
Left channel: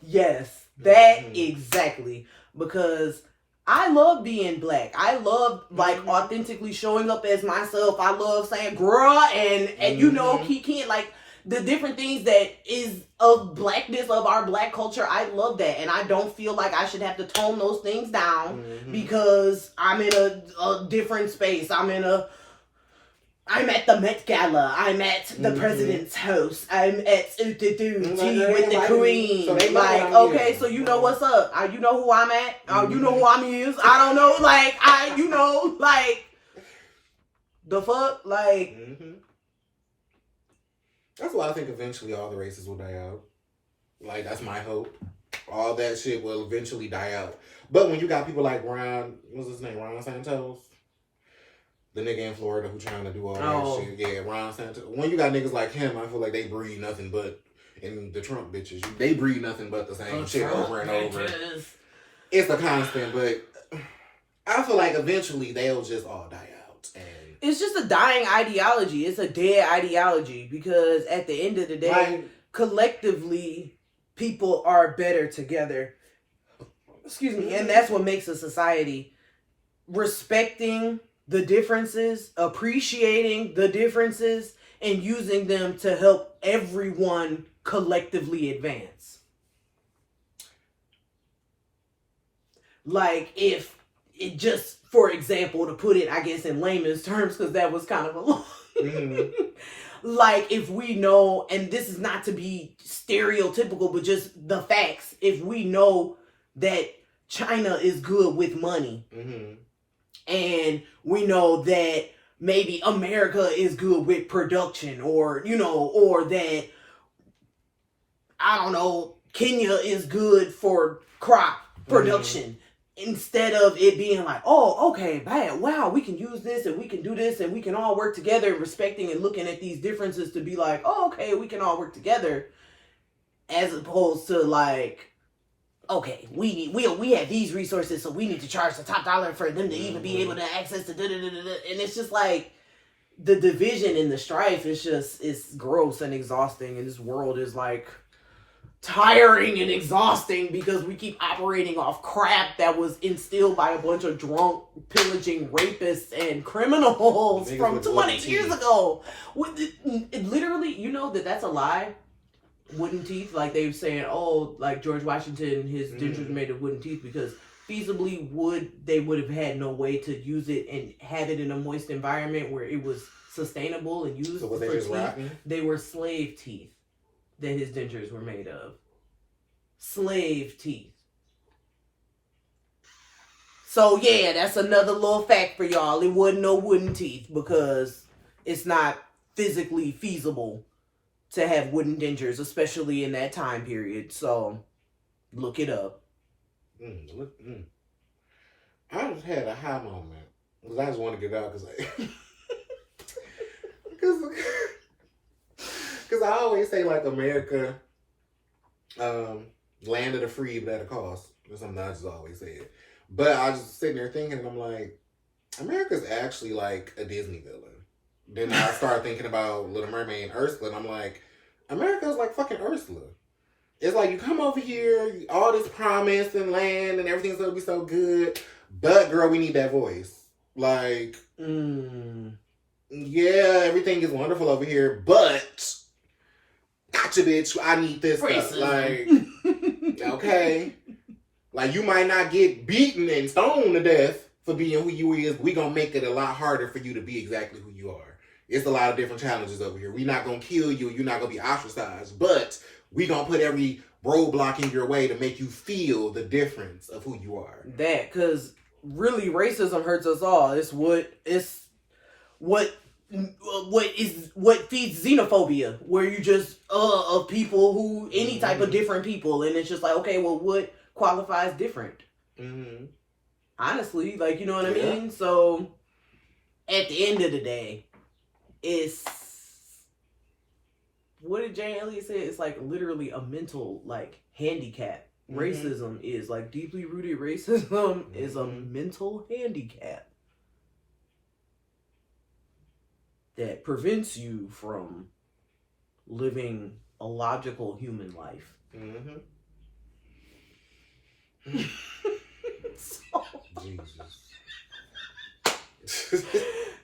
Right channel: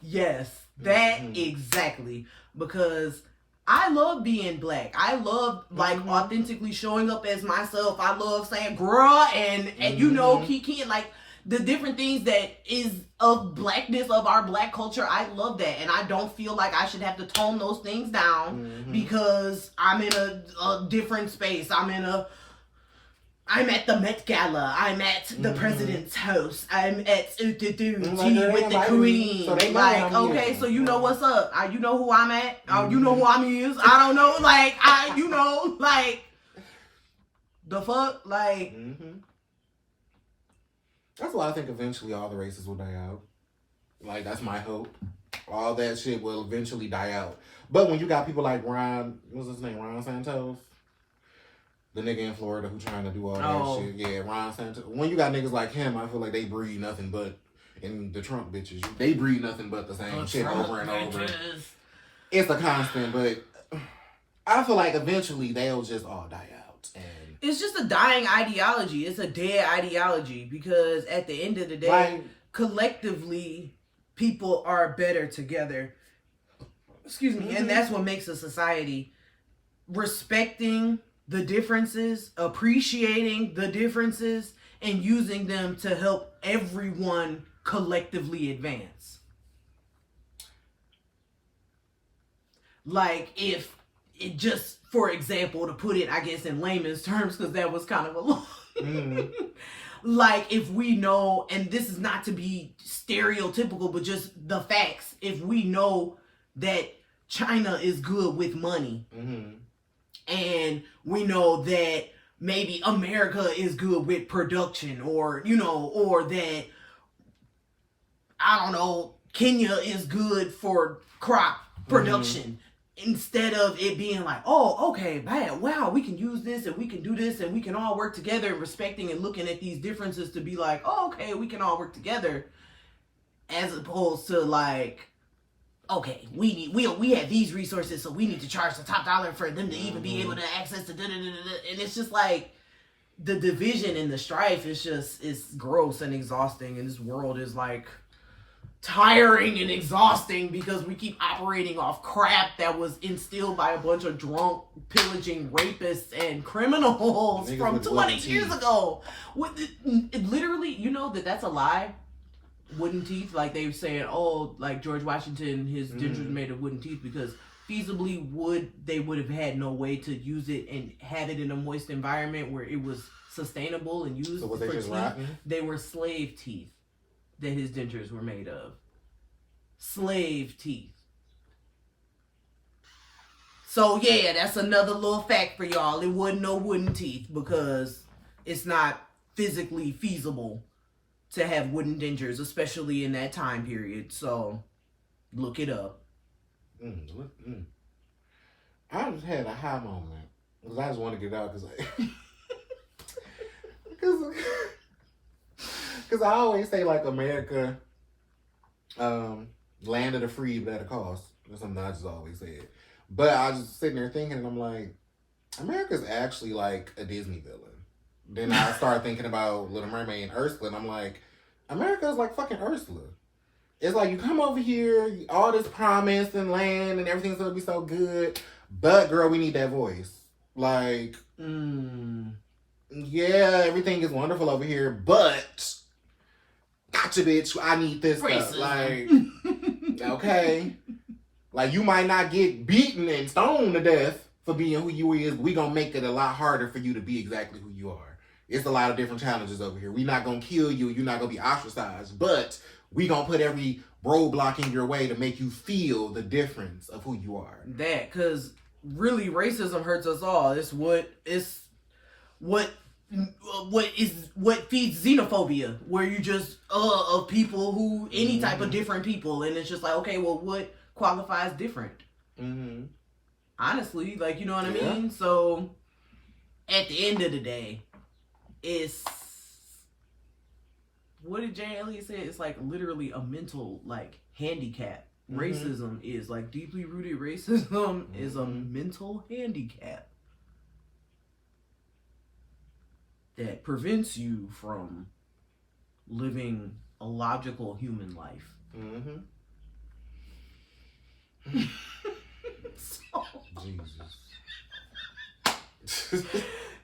Yes, that exactly. Because I love being black. I love like authentically showing up as myself. I love saying "girl" and you know, Kiki, like the different things that is of blackness, of our black culture. I love that, and I don't feel like I should have to tone those things down because I'm in a different space. I'm at the Met Gala. I'm at the president's house. I'm at tea with the queen. So like, okay, so you know what's up. You know who I'm at. You know who I'm is. I don't know. Like, you know, like, the fuck? Like... That's why I think eventually all the races will die out. Like, that's my hope. All that shit will eventually die out. But when you got people like Ron, what's his name? Ron Santos? The nigga in Florida who trying to do all that shit. Yeah, Ron Santos. When you got niggas like him, I feel like they breed nothing but, and the Trump bitches, they breed nothing but the same shit over and over. It's a constant, but I feel like eventually they'll just all die out. And it's just a dying ideology. It's a dead ideology because at the end of the day, collectively, people are better together. Excuse me. And that's what makes a society. Respecting the differences, appreciating the differences, and using them to help everyone collectively advance. Like, if it just, for example, to put it, I guess, in layman's terms, because that was kind of a long... Like, if we know, and this is not to be stereotypical, but just the facts, if we know that China is good with money, and we know that maybe America is good with production, or, you know, or that, I don't know, Kenya is good for crop production. Instead of it being like, oh, okay, bad, wow, we can use this and we can do this and we can all work together, respecting and looking at these differences to be like, oh, okay, we can all work together, as opposed to like, okay, we have these resources, so we need to charge the top dollar for them to even be able to access the and it's just like the division and the strife is just, it's gross and exhausting, and this world is like tiring and exhausting because we keep operating off crap that was instilled by a bunch of drunk, pillaging rapists and criminals from 20 years ago. Literally, you know that's a lie. Wooden teeth, like they were saying, oh, like George Washington, his dentures were made of wooden teeth because feasibly they would have had no way to use it and have it in a moist environment where it was sustainable and used for teeth. They were slave teeth that his dentures were made of. Slave teeth. So yeah, that's another little fact for y'all. It wasn't no wooden teeth because it's not physically feasible to have wooden dentures, especially in that time period. So look it up. I just had a high moment because I just want to get out because because I always say, like, America, land of the free, but at a cost. That's something I just always say it. But I was just sitting there thinking, and I'm like, America's actually like a Disney villain. Then I started thinking about Little Mermaid and Ursula, and I'm like, America's like fucking Ursula. It's like you come over here, all this promise and land and everything's gonna be so good, but girl, we need that voice. Like, yeah, everything is wonderful over here, but gotcha, bitch. I need this stuff. Like, okay, like you might not get beaten and stoned to death for being who you is. We gonna make it a lot harder for you to be exactly who you are. It's a lot of different challenges over here. We not gonna kill you. You're not gonna be ostracized, but we gonna put every roadblock in your way to make you feel the difference of who you are. That, because really, racism hurts us all. It's what feeds xenophobia, where you just of people who any type of different people, and it's just like, okay, well, what qualifies different? Honestly, like, you know what I mean? So at the end of the day, it's, what did Jane Elliott say? It's like literally a mental like handicap. Racism is like deeply rooted racism is a mental handicap that prevents you from living a logical human life.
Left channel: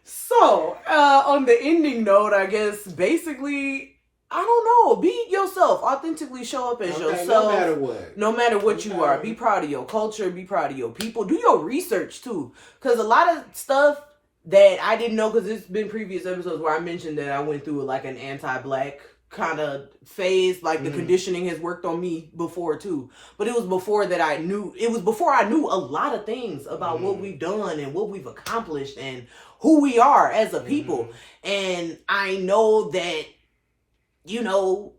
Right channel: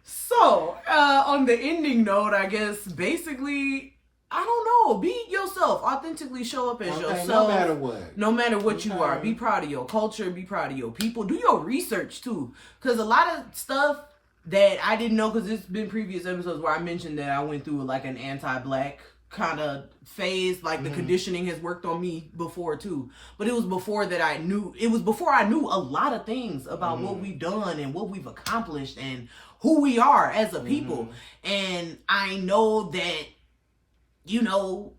So, on the ending note, I guess basically, I don't know, be yourself, authentically show up as yourself. No matter what. No matter what you are. Be proud of your culture, be proud of your people. Do your research too. Because a lot of stuff that I didn't know, because it's been previous episodes where I mentioned that I went through like an anti-black kind of phase, like the conditioning has worked on me before too. But it was before that I knew a lot of things about what we've done and what we've accomplished and who we are as a people. And I know that, you know,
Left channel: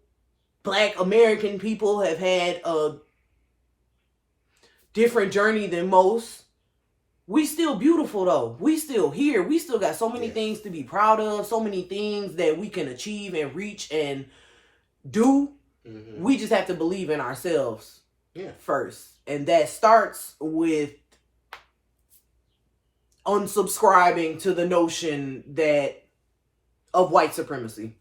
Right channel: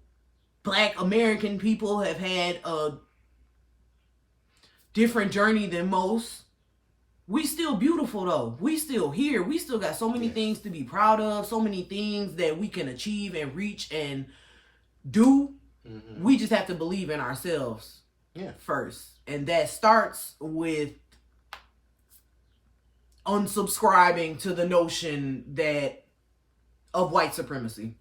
Black American people have had a different journey than most. We still beautiful though. We still here. We still got so many things to be proud of. So many things that we can achieve and reach and do. We just have to believe in ourselves first. And that starts with unsubscribing to the notion that of white supremacy.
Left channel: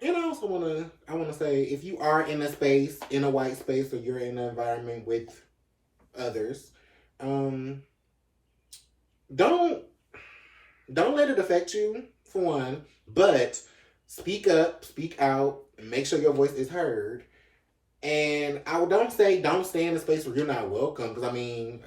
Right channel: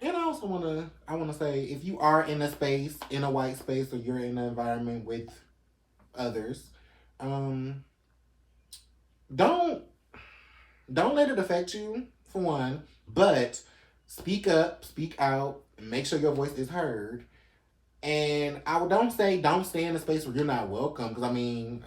And I also want to say, if you are in a space, in a white space, or you're in an environment with others, don't let it affect you, for one, but speak up, speak out, make sure your voice is heard. And don't stay in a space where you're not welcome, because I mean,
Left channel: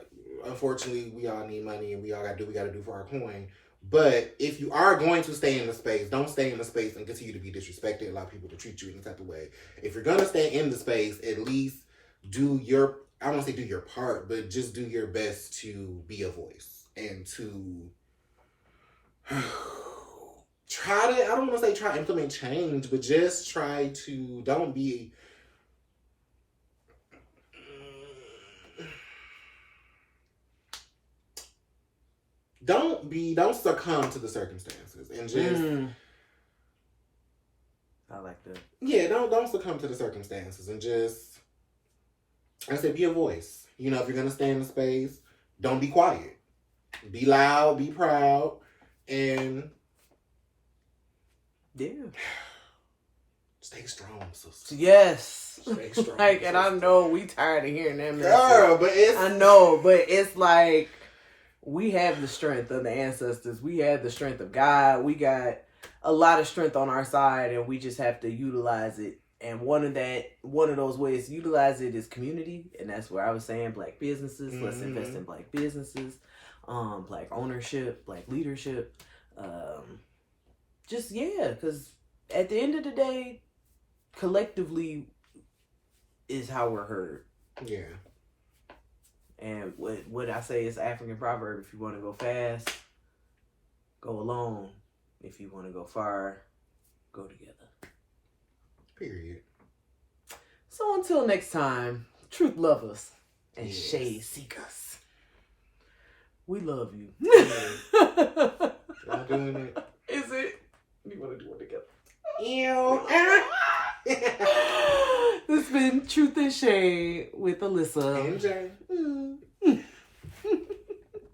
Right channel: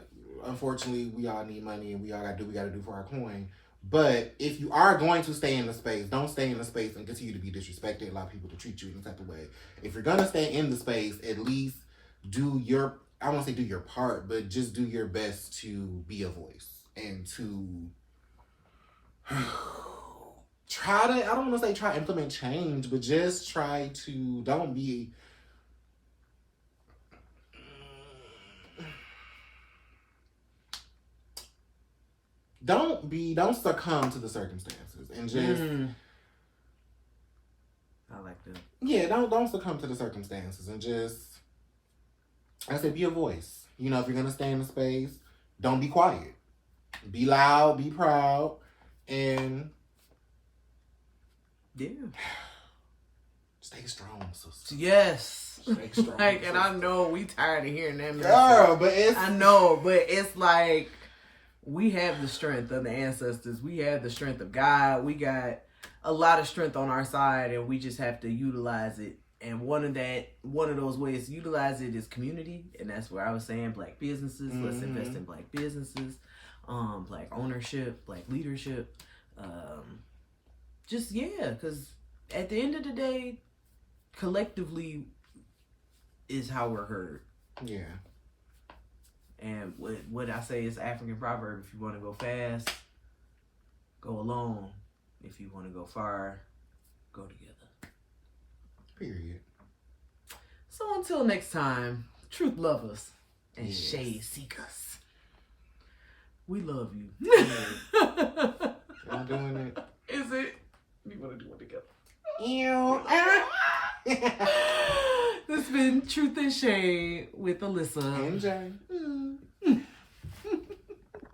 unfortunately, we all need money and we all got to do what we got to do for our coin. But if you are going to stay in the space, don't stay in the space and continue to be disrespected, allow people to treat you in a type of way. If you're going to stay in the space, at least do your, I won't say do your part, but just do your best to be a voice and to try to, I don't want to say try to implement change, but just try to, don't succumb to the circumstances and just I like that. Yeah, don't succumb to the circumstances and just, I said, be a voice. You know, if you're gonna stay in the space, don't be quiet. Be loud, be proud, and stay strong, sister. Yes. Stay strong. Like, and I know we tired of hearing that message. Girl, but it's like, we have the strength of the ancestors. We have the strength of God. We got a lot of strength on our side, and we just have to utilize it. And one of those ways to utilize it is community, and that's where I was saying Black businesses. Let's invest in Black businesses, Black ownership, Black leadership. Because at the end of the day, collectively is how we're heard. Yeah. And what I say is African proverb: if you want to go fast, go alone. If you want to go far, go together. Period. So until next time, truth love us and shade seek us. We love you. I'm doing it. Is it? We want to do it together. Ew. This has been Truth and Shade with Alyssa. And Jay.